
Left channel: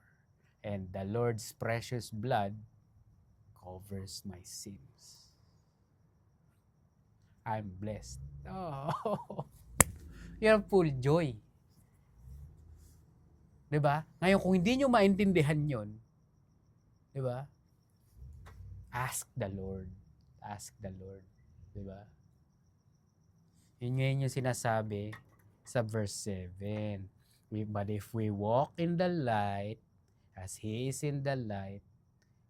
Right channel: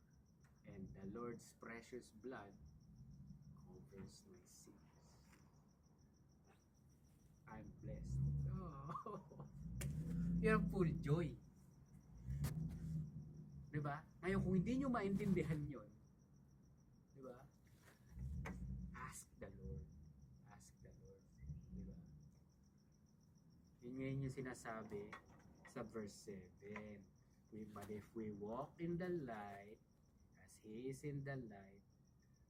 And the Lord's precious blood covers my sins. I'm blessed. Oh, you're full joy. Diba? Ngayon, kung hindi nyo maintindihan yon, diba? Ask the Lord. Ask the Lord. Diba? Yun ngayon yung sinasabi sa verse 7. But if we walk in the light, as He is in the light,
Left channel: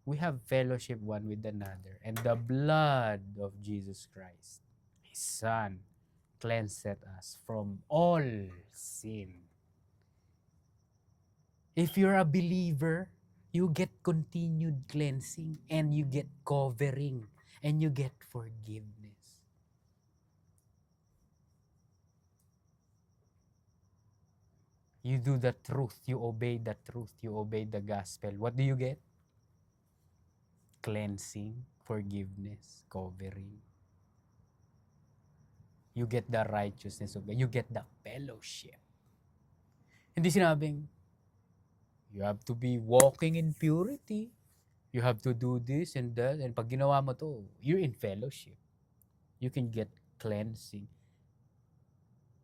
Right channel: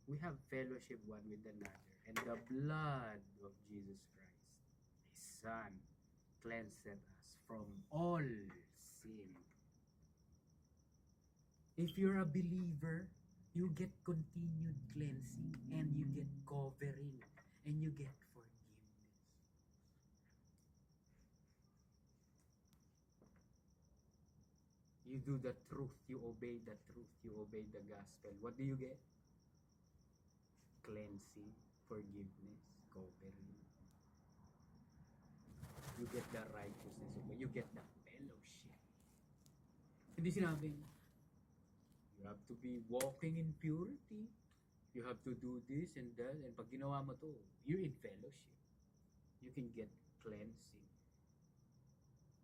we have fellowship one with another. And the blood of Jesus Christ, His Son, cleanseth us from all sin. If you're a believer, you get continued cleansing and you get covering and you get forgiveness. You do the truth, you obey the truth, you obey the gospel. What do you get? Cleansing, forgiveness, covering. You get the righteousness of God. You get the fellowship. Hindi sinabing, you have to be walking in purity. You have to do this and that. And pag ginawa mo to, you're in fellowship. You can get cleansing.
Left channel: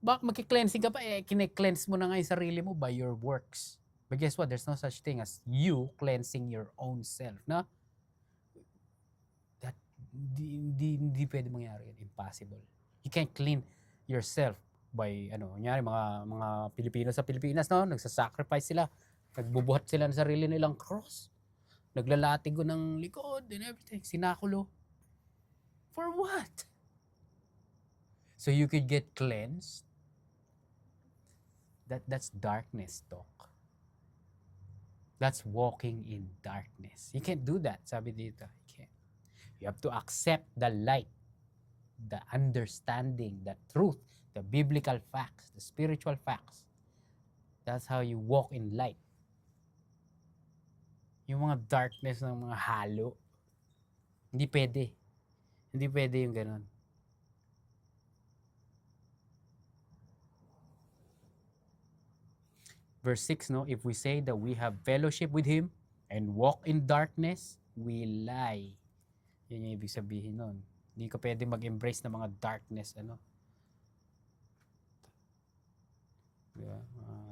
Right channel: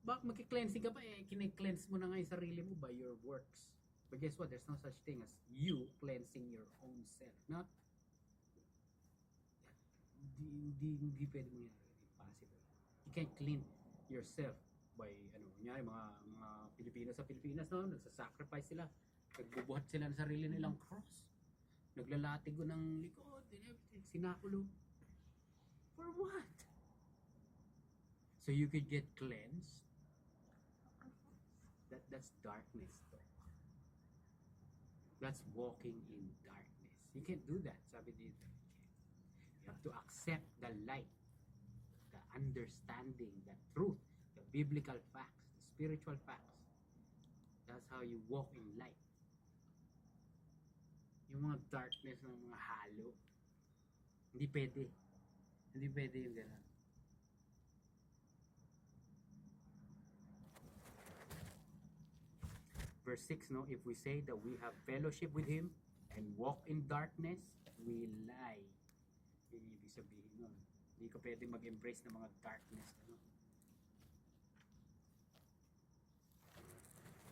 Bak magki-cleansing ka pa, kine-cleanse mo na nga yung sarili mo by your works. But guess what? There's no such thing as you cleansing your own self. Na? That, hindi pwede mangyari. Impossible. You can't clean yourself by, kunyari, mga Pilipino sa Pilipinas, no? Nagsasacrifice sila. Nagbubuhat sila ng sarili nilang cross. Naglalatigo ng likod and everything. Sinakulo. For what? So you could get cleansed. That's darkness talk. That's walking in darkness. You can't do that, sabi dito. You can't. You have to accept the light, the understanding, the truth, the biblical facts, the spiritual facts. That's how you walk in light. Yung mga darkness ng mga halo, hindi pwede. Hindi pwede yung ganun. Verse 6, no? If we say that we have fellowship with Him and walk in darkness, we lie. Yun yung ibig sabihin nun. Hindi ka pwede mag-embrace ng mga darkness, ano? Diba?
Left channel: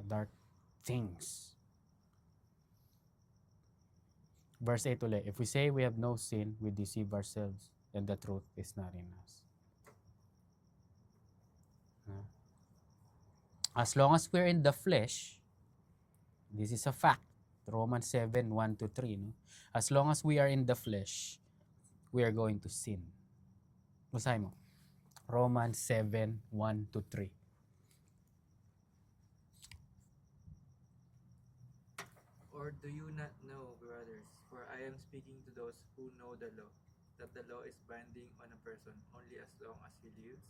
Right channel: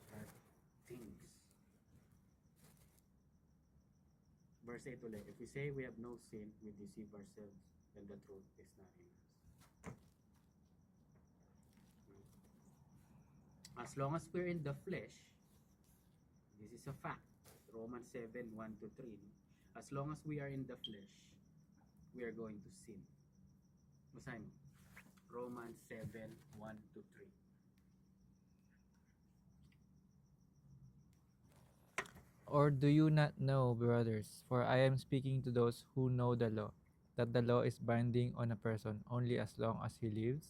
Dark things. Verse 8 ulit. If we say we have no sin, we deceive ourselves, and the truth is not in us. As long as we're in the flesh, this is a fact. Romans 7, 1-3. No? As long as we are in the flesh, we are going to sin. Basahin mo. Romans 7, 1-3. Or do you not know, brothers, for I am speaking to those who know the law, that the law is binding on a person only as long as he lives?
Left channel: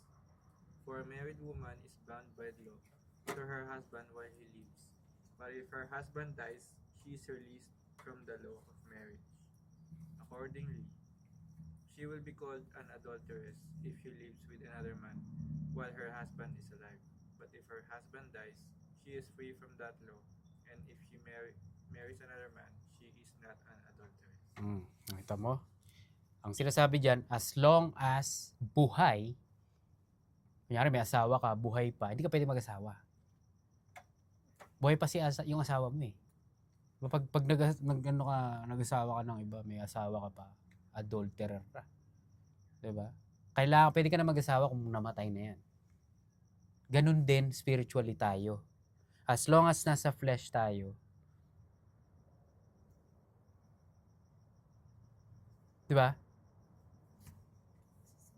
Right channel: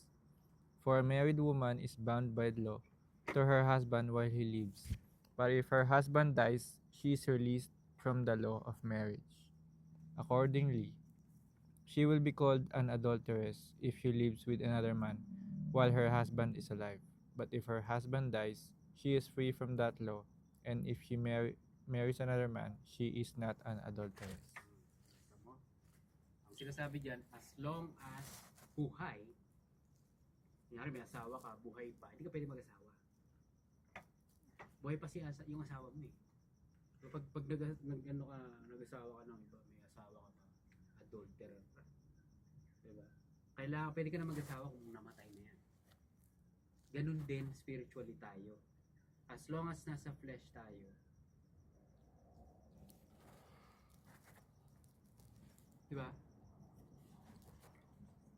For a married woman is bound by the law to her husband while he lives. But if her husband dies, she is released from the law of marriage. Accordingly, she will be called an adulteress if she lives with another man while her husband is alive. But if her husband dies, she is free from that law, and if she marries another man, she is not an adulteress. Nakita mo? Ang sinasabi dyan, as long as buhay, kunyari may asawa ka, buhay pa, hindi ka pwede mag-asawa. Buhay pa yung asawa mo eh. Pag nag-asawa ka ng iba, may asawa ka pa, adulterer ka. Diba? Kailangan, pwede ka na mag-asawa kung namatay na yan. Ganun din spiritually tayo. As long as nasa flesh tayo, diba?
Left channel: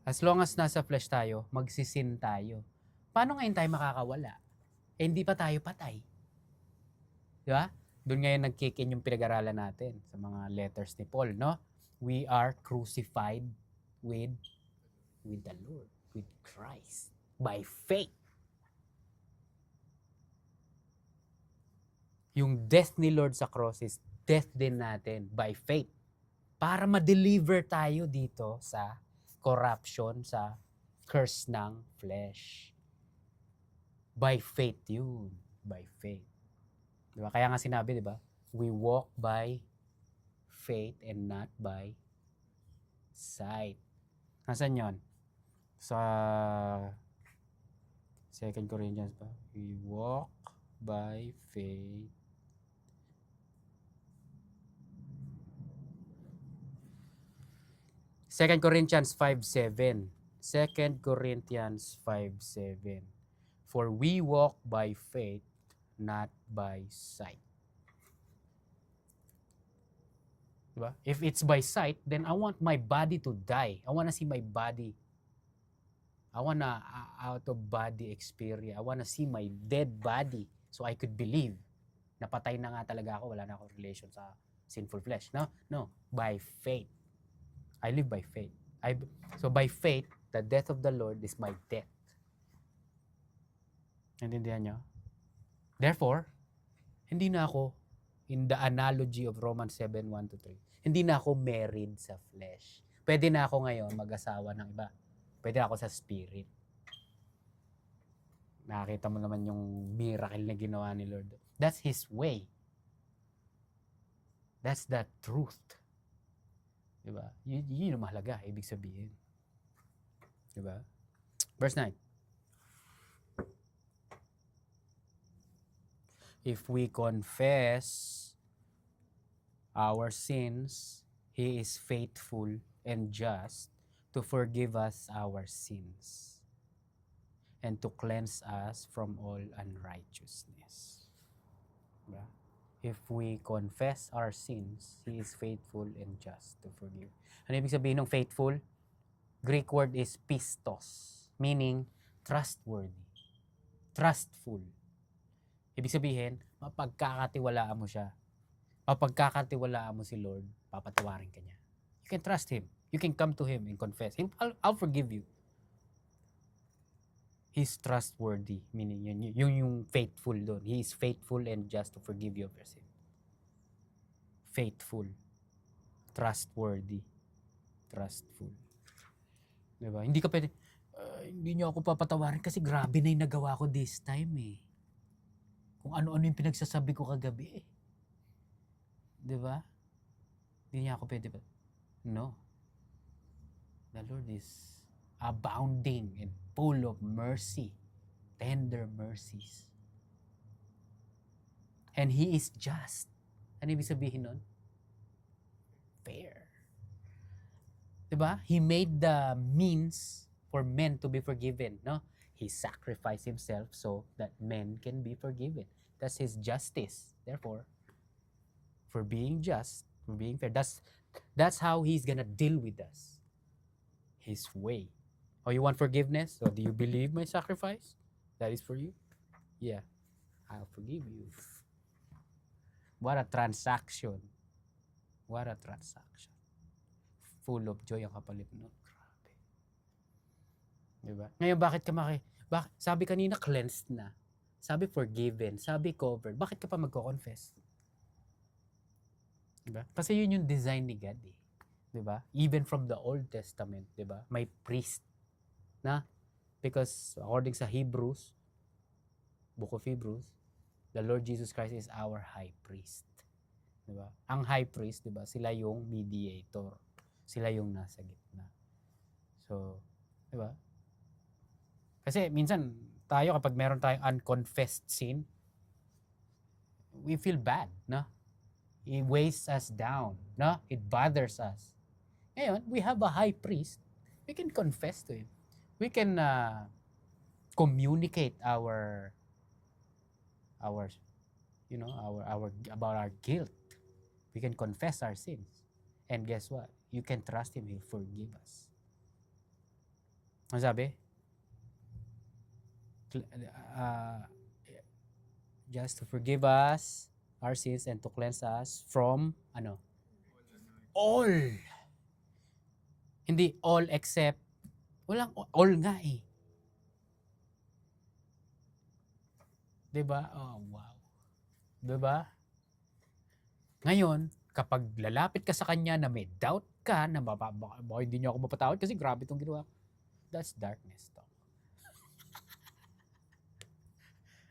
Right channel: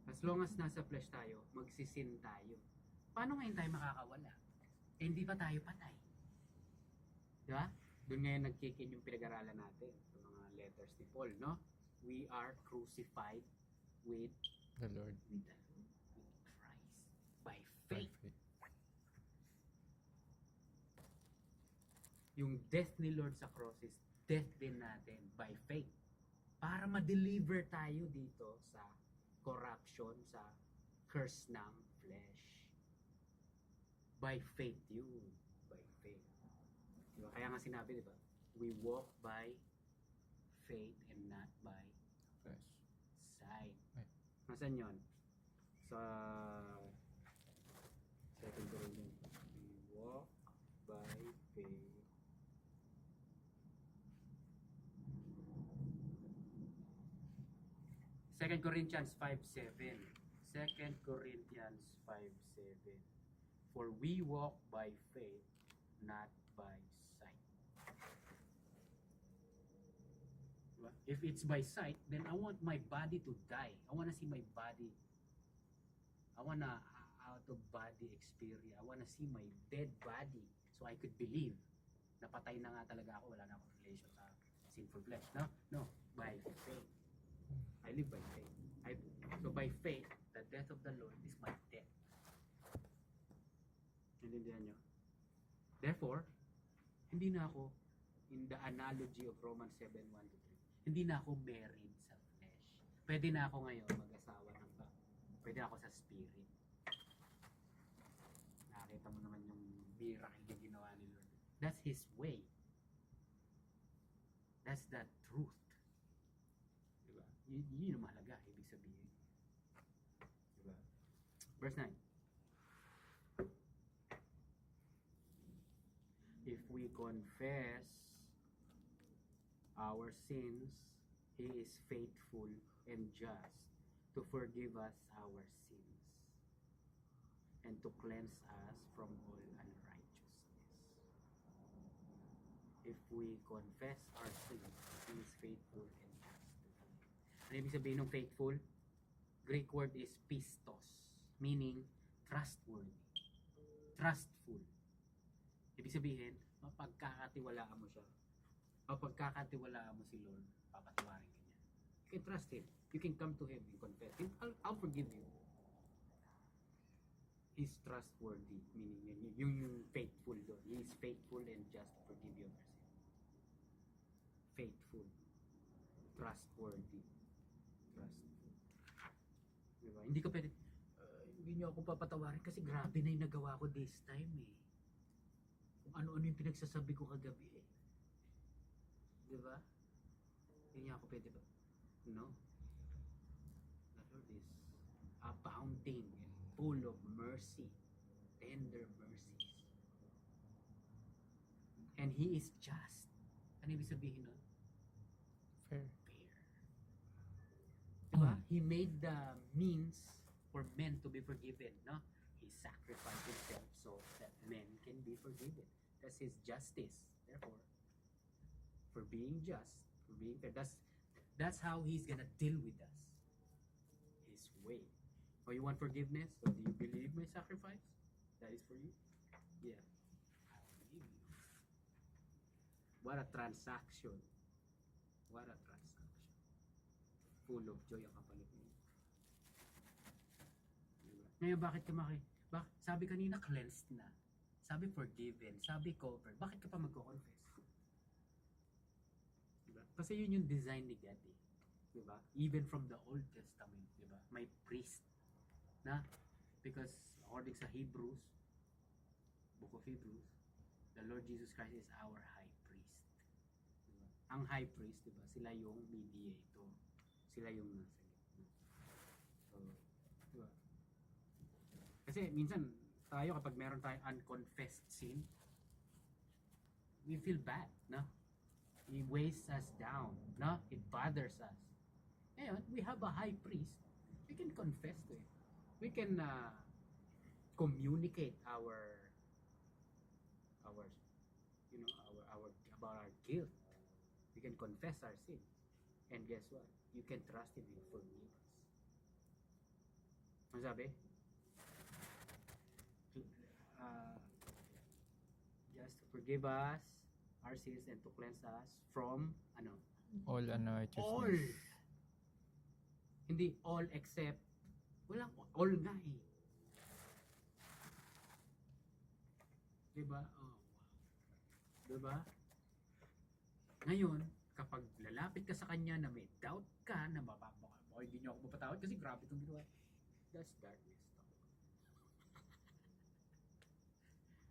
As long as nasa flesh tayo, magsisin tayo. Paano ngayon tayo makakawala? Eh, hindi pa tayo patay. Diba? Doon ngayon nagkikin yung pinag-aralan natin sa mga letters ni Paul, no? We are crucified with The Lord. With Christ, by faith. Yung death ni Lord sa cross is death din natin by faith. Para ma-deliver tayo dito sa corruption, sa curse ng flesh. By faith yun. By faith. Diba? Kaya nga sinabi, diba? We walk by faith and not by sight. Nasaan yun? Sa 2 Corinthians pa. We walk by faith. Second Corinthians 5:7. 2 Corinthians 5:7. For we walk by faith, not by sight. Diba? If it's by sight, then I want my body to die. I want to see my body. I want a out-of-body experience. I want to see my dead body so I could believe na patay na nga talaga ako. Wala na akong relation sa sinful flesh. No. By faith. I live by faith. So by faith, the death of the Lord is my death. Naintindihan nyo? Therefore, hindi na ako, in the analogy of Romans 7:1-3, hindi na ako married sa flesh. Pwede na ako ngayon mag-asawa ng iba. Pwede na ako sa spirit. Nakakita mo naman yung miracle na ginawa ni Lord. That's His way. That's the truth. Diba? Yun yung mahalaga, ibig sabihin. Diba? Verse 9. If we confess our sins, He is faithful and just to forgive us our sins and to cleanse us from all unrighteousness. Diba? If we confess our sins, He is faithful and just to forgive. Ano ibig sabihin ng faithful? Greek word is pistos, meaning trustworthy, trustful. Ibig sabihin, mapagkakatiwalaan mo siya. Kapag kakatiwalaan mo si Lord, papatawarin ka niya. You can trust Him. You can come to Him and confess. I'll forgive you. He's trustworthy. Meaning, yung faithful doon. He is faithful and just to forgive you of your sin. Faithful. Trustworthy. Trustful. Diba? Hindi ka pwede, hindi niyo ako papatawarin kasi grabe na yung nagawa ko this time eh. Kung ano-ano yung pinagsasabi ko kagabi eh. Diba? Hindi niya ako pwede ba? No. The Lord is abounding and full of mercy. Tender mercies. And He is just. Ano ibig sabihin nun? Fair. Diba? He made the means for men to be forgiven, no? He sacrificed Himself so that men can be forgiven. That's His justice. Therefore, for being just, for being fair, that's how He's gonna deal with us. His way. Oh, you want forgiveness? So do you believe my sacrifice? That is for you? Yeah. I'll forgive you. What a transaction. What a transaction. Full of joy ang kapalit nun. Grabe. Diba? Ngayon, bakit sabi kanina, cleansed na. Sabi forgiven. Sabi covered. Bakit ka pa magko-confess? Diba? Kasi yun yung design ni God eh. Diba? Even from the Old Testament, diba? May priest na. Because according sa Hebrews, Book of Hebrews, the Lord Jesus Christ is our high priest. Diba? Ang high priest, diba? Sila yung mediator. Sila yung nasa gitna. So, diba? Kasi minsan, tayo kapag meron tayong unconfessed sin, we feel bad, no? It weighs us down, no? It bothers us. Ngayon, we have a high priest. We can confess to Him. We can communicate our about our guilt. We can confess our sins. And guess what? You can trust Him, He'll forgive us. Ano sabi? Just to forgive us our sins and to cleanse us from All unrighteousness. all. Hindi all except walang all nga eh. 'Di ba? Oh, wow. 'Di ba? Ngayon, kapag lalapit ka sa Kanya na may doubt ka na baka hindi niyo ako mapatawad kasi grabe itong ginawa. That's darkness talk.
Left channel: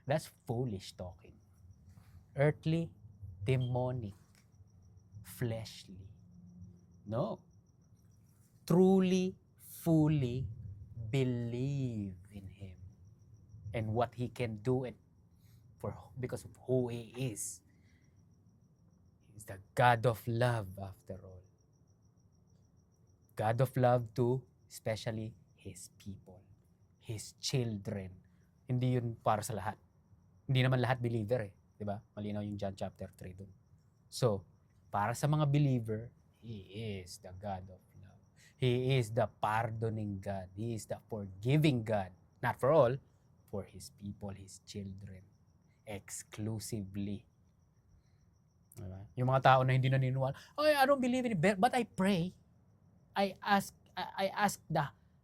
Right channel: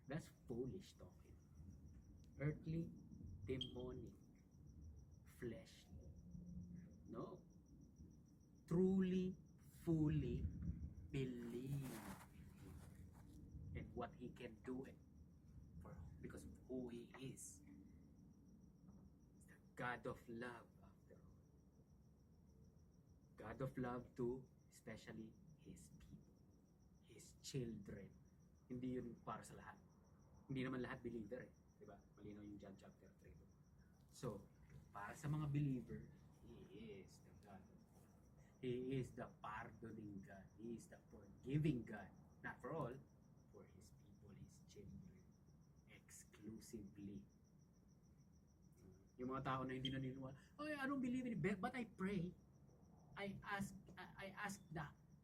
That's foolish talking. Earthly, demonic, fleshly. No. Truly, fully believe in Him and what He can do because of who He is. He's the God of love after all. God of love to especially His people, His children. Hindi yun para sa lahat. Hindi naman lahat believer eh. Diba? Malinaw yung John chapter 3 dun. So, para sa mga believer, He is the God of love. He is the pardoning God. He is the forgiving God. Not for all, for His people, His children. Exclusively. Diba? Yung mga tao na hindi naniniwala, I don't believe in it, but I pray. I ask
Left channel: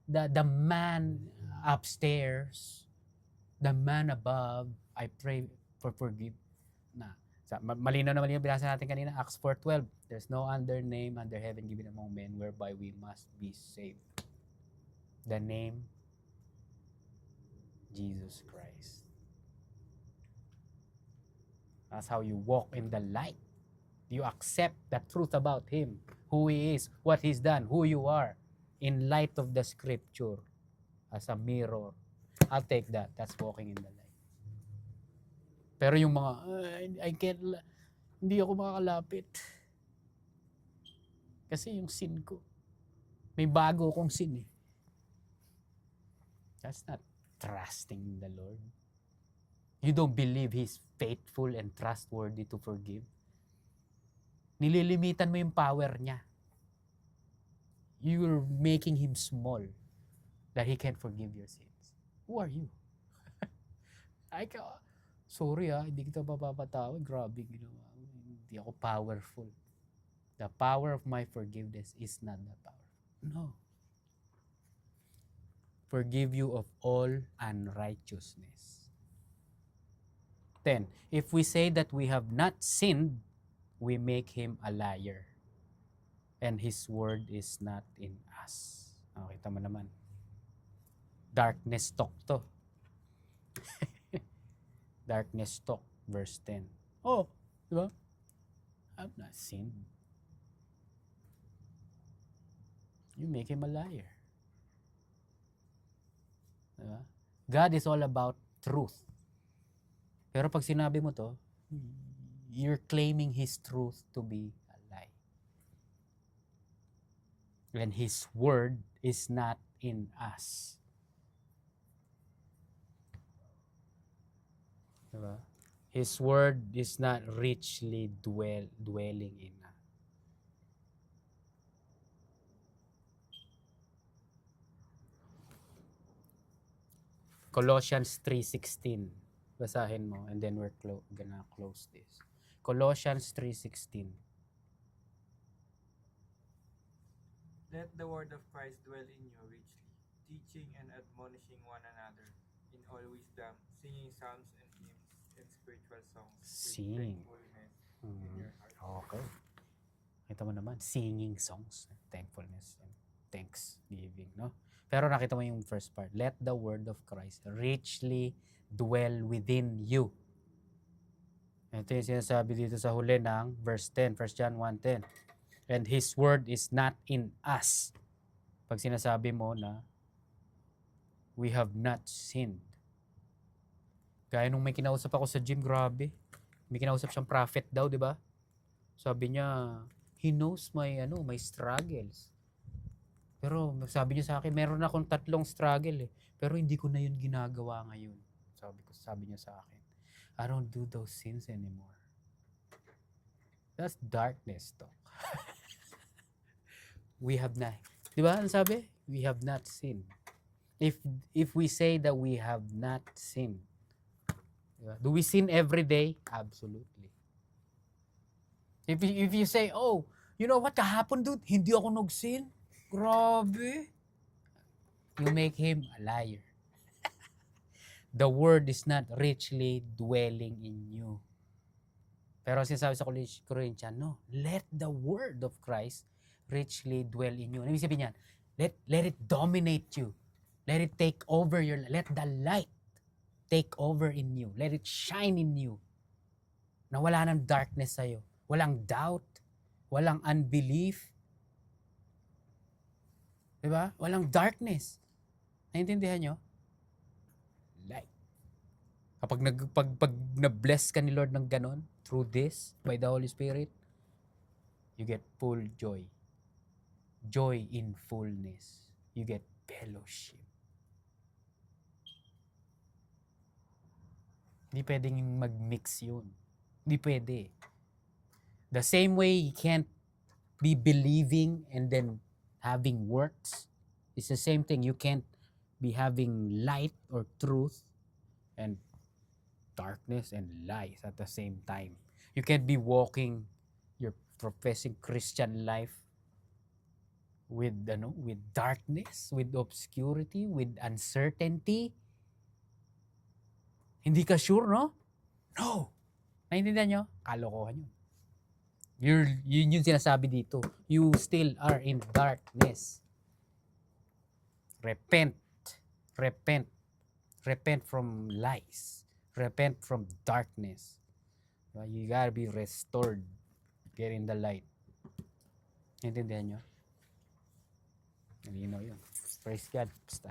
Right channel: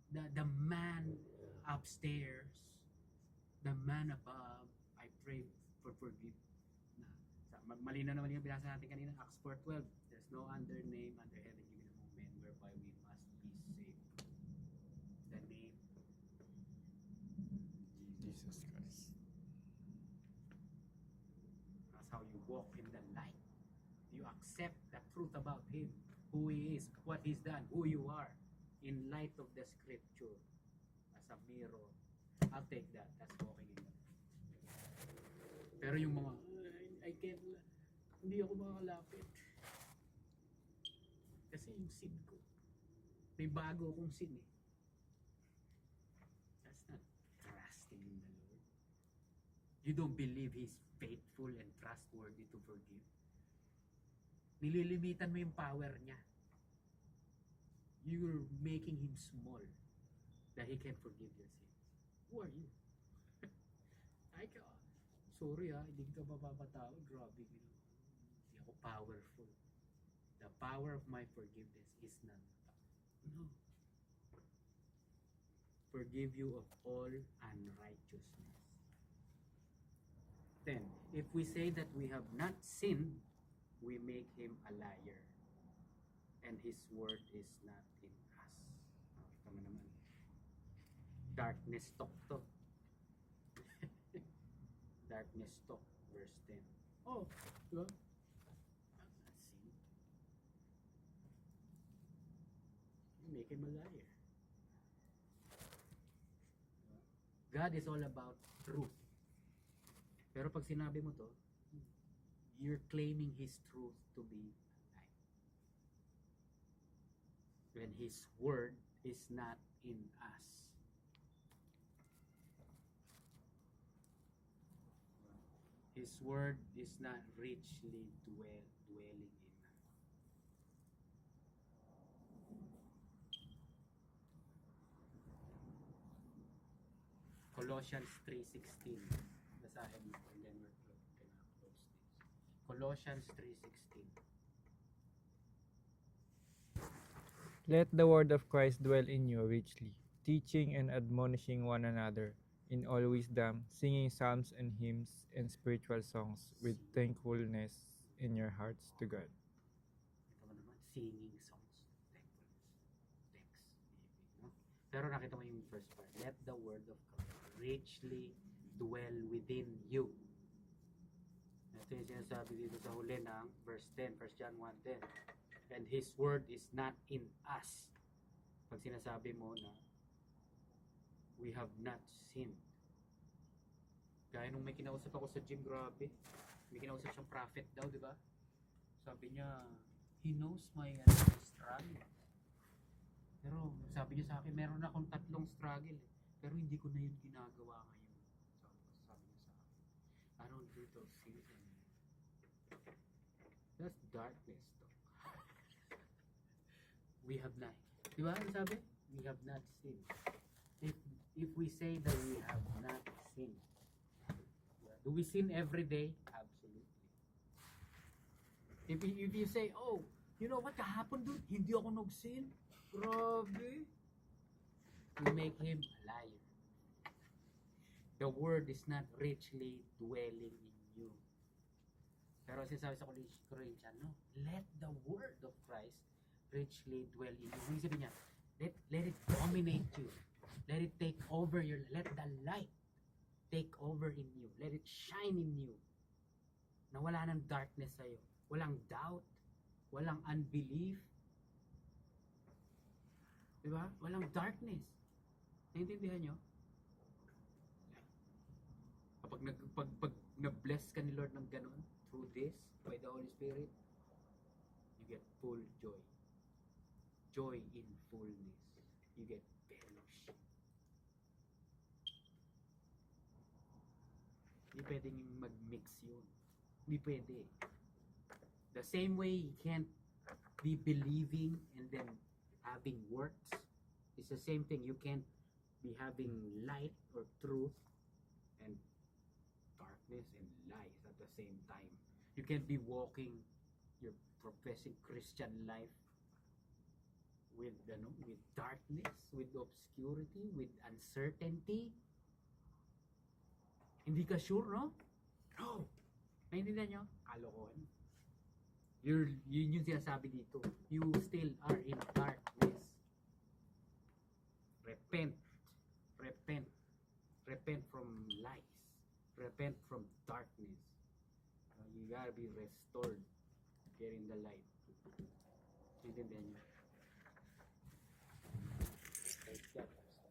the man upstairs, the man above, I pray for forgive. Malinaw na malinaw binasa natin kanina, Acts 4:12. There's no other name under heaven given among men whereby we must be saved. The name Jesus Christ. That's how you walk in the light. You accept the truth about Him, who He is, what He's done, who you are, in light of the Scripture, as a mirror. I'll take that. That's walking in the light. Pero yung mga, hindi ako makakalapit. Kasi yung sin ko, may bago akong sin eh. That's not trusting in the Lord. You don't believe He's faithful and trustworthy to forgive. Nililimitan mo yung power niya. You're making Him small that He can forgive your sins. Who are you? Sorry hindi kita mapapatawad. Grabe ginawa mo. Hindi Di ako powerful. The power of my forgiveness is not the power. No. Forgive you of all unrighteousness. 10. If we say that we have not sinned, we make him a liar, and his word is not in us. Kita mo naman. Darkness talk to. Darkness talk, verse 10. Oh, di ba? I've not sinned. You make him a liar. Diba? God is all about truth. Pero pag sinabi mo to, you're claiming His truth to be a lie. And His word is not in us. Diba? His word is not richly dwelling in us. Colossians 3:16. Basahin mo and then we're gonna close this. Colossians 3:16. Let the word of Christ dwell in you richly, teaching and admonishing one another in all wisdom, singing psalms and hymns and spiritual songs with Sing. thankfulness in your hearts to Okay. God. Ito mo naman, singing songs, thankfulness and thanksgiving, no? Pero nakita mo yung first part. Let the word of Christ richly dwell within you. Ito yung sinasabi dito sa huli ng verse 10, 1 John 1:10. And His word is not in us. Pag sinasabi mo na we have not sinned. Gaya nung may kinausap ako sa gym, grabe. May kinausap siyang prophet daw, di ba? Sabi niya, he knows my struggles. Pero sabi niya sa akin, meron akong 3 struggle eh. Pero hindi ko na yun ginagawa ngayon. Sabi niya sa akin, I don't do those sins anymore. That's darkness talk. We have not. Di ba? Ano sabi? We have not sinned. If we say that we have not sinned, diba? Do we sin every day? Absolutely. If you say, oh, you know what, kahapon dude, hindi ako nag-sin. Grabe. You make him a liar. The word is not richly dwelling in you. Pero sinasabi sa Corinthians, no, let the word of Christ richly dwell in you. Ano ibig sabihin niya? Let it dominate you. Let it take over your life. Let the light take over in you. Let it shine in you. Na wala ng darkness sa'yo. Walang doubt. Walang unbelief. Diba? Walang darkness. Naintindihan nyo? Light. Kapag pag na-bless ka ni Lord ng ganon, through this, by the Holy Spirit, you get full joy. Joy in fullness. You get fellowship. Hindi pwedeng mag-mix yun. Hindi pwede. The same way you can't be believing and then having works, it's the same thing. You can't be having light or truth and darkness and lies at the same time. You can't be walking your professing Christian life with darkness, with obscurity, with uncertainty. Hindi ka sure, no? No. Naintindihan nyo? Kalokohan yun. Yun yung sinasabi dito. You still are in darkness. Repent. Repent. Repent from lies. Repent from darkness. You gotta be restored. Get in the light. Naintindihan nyo? Malinaw yun. Praise God. Basta.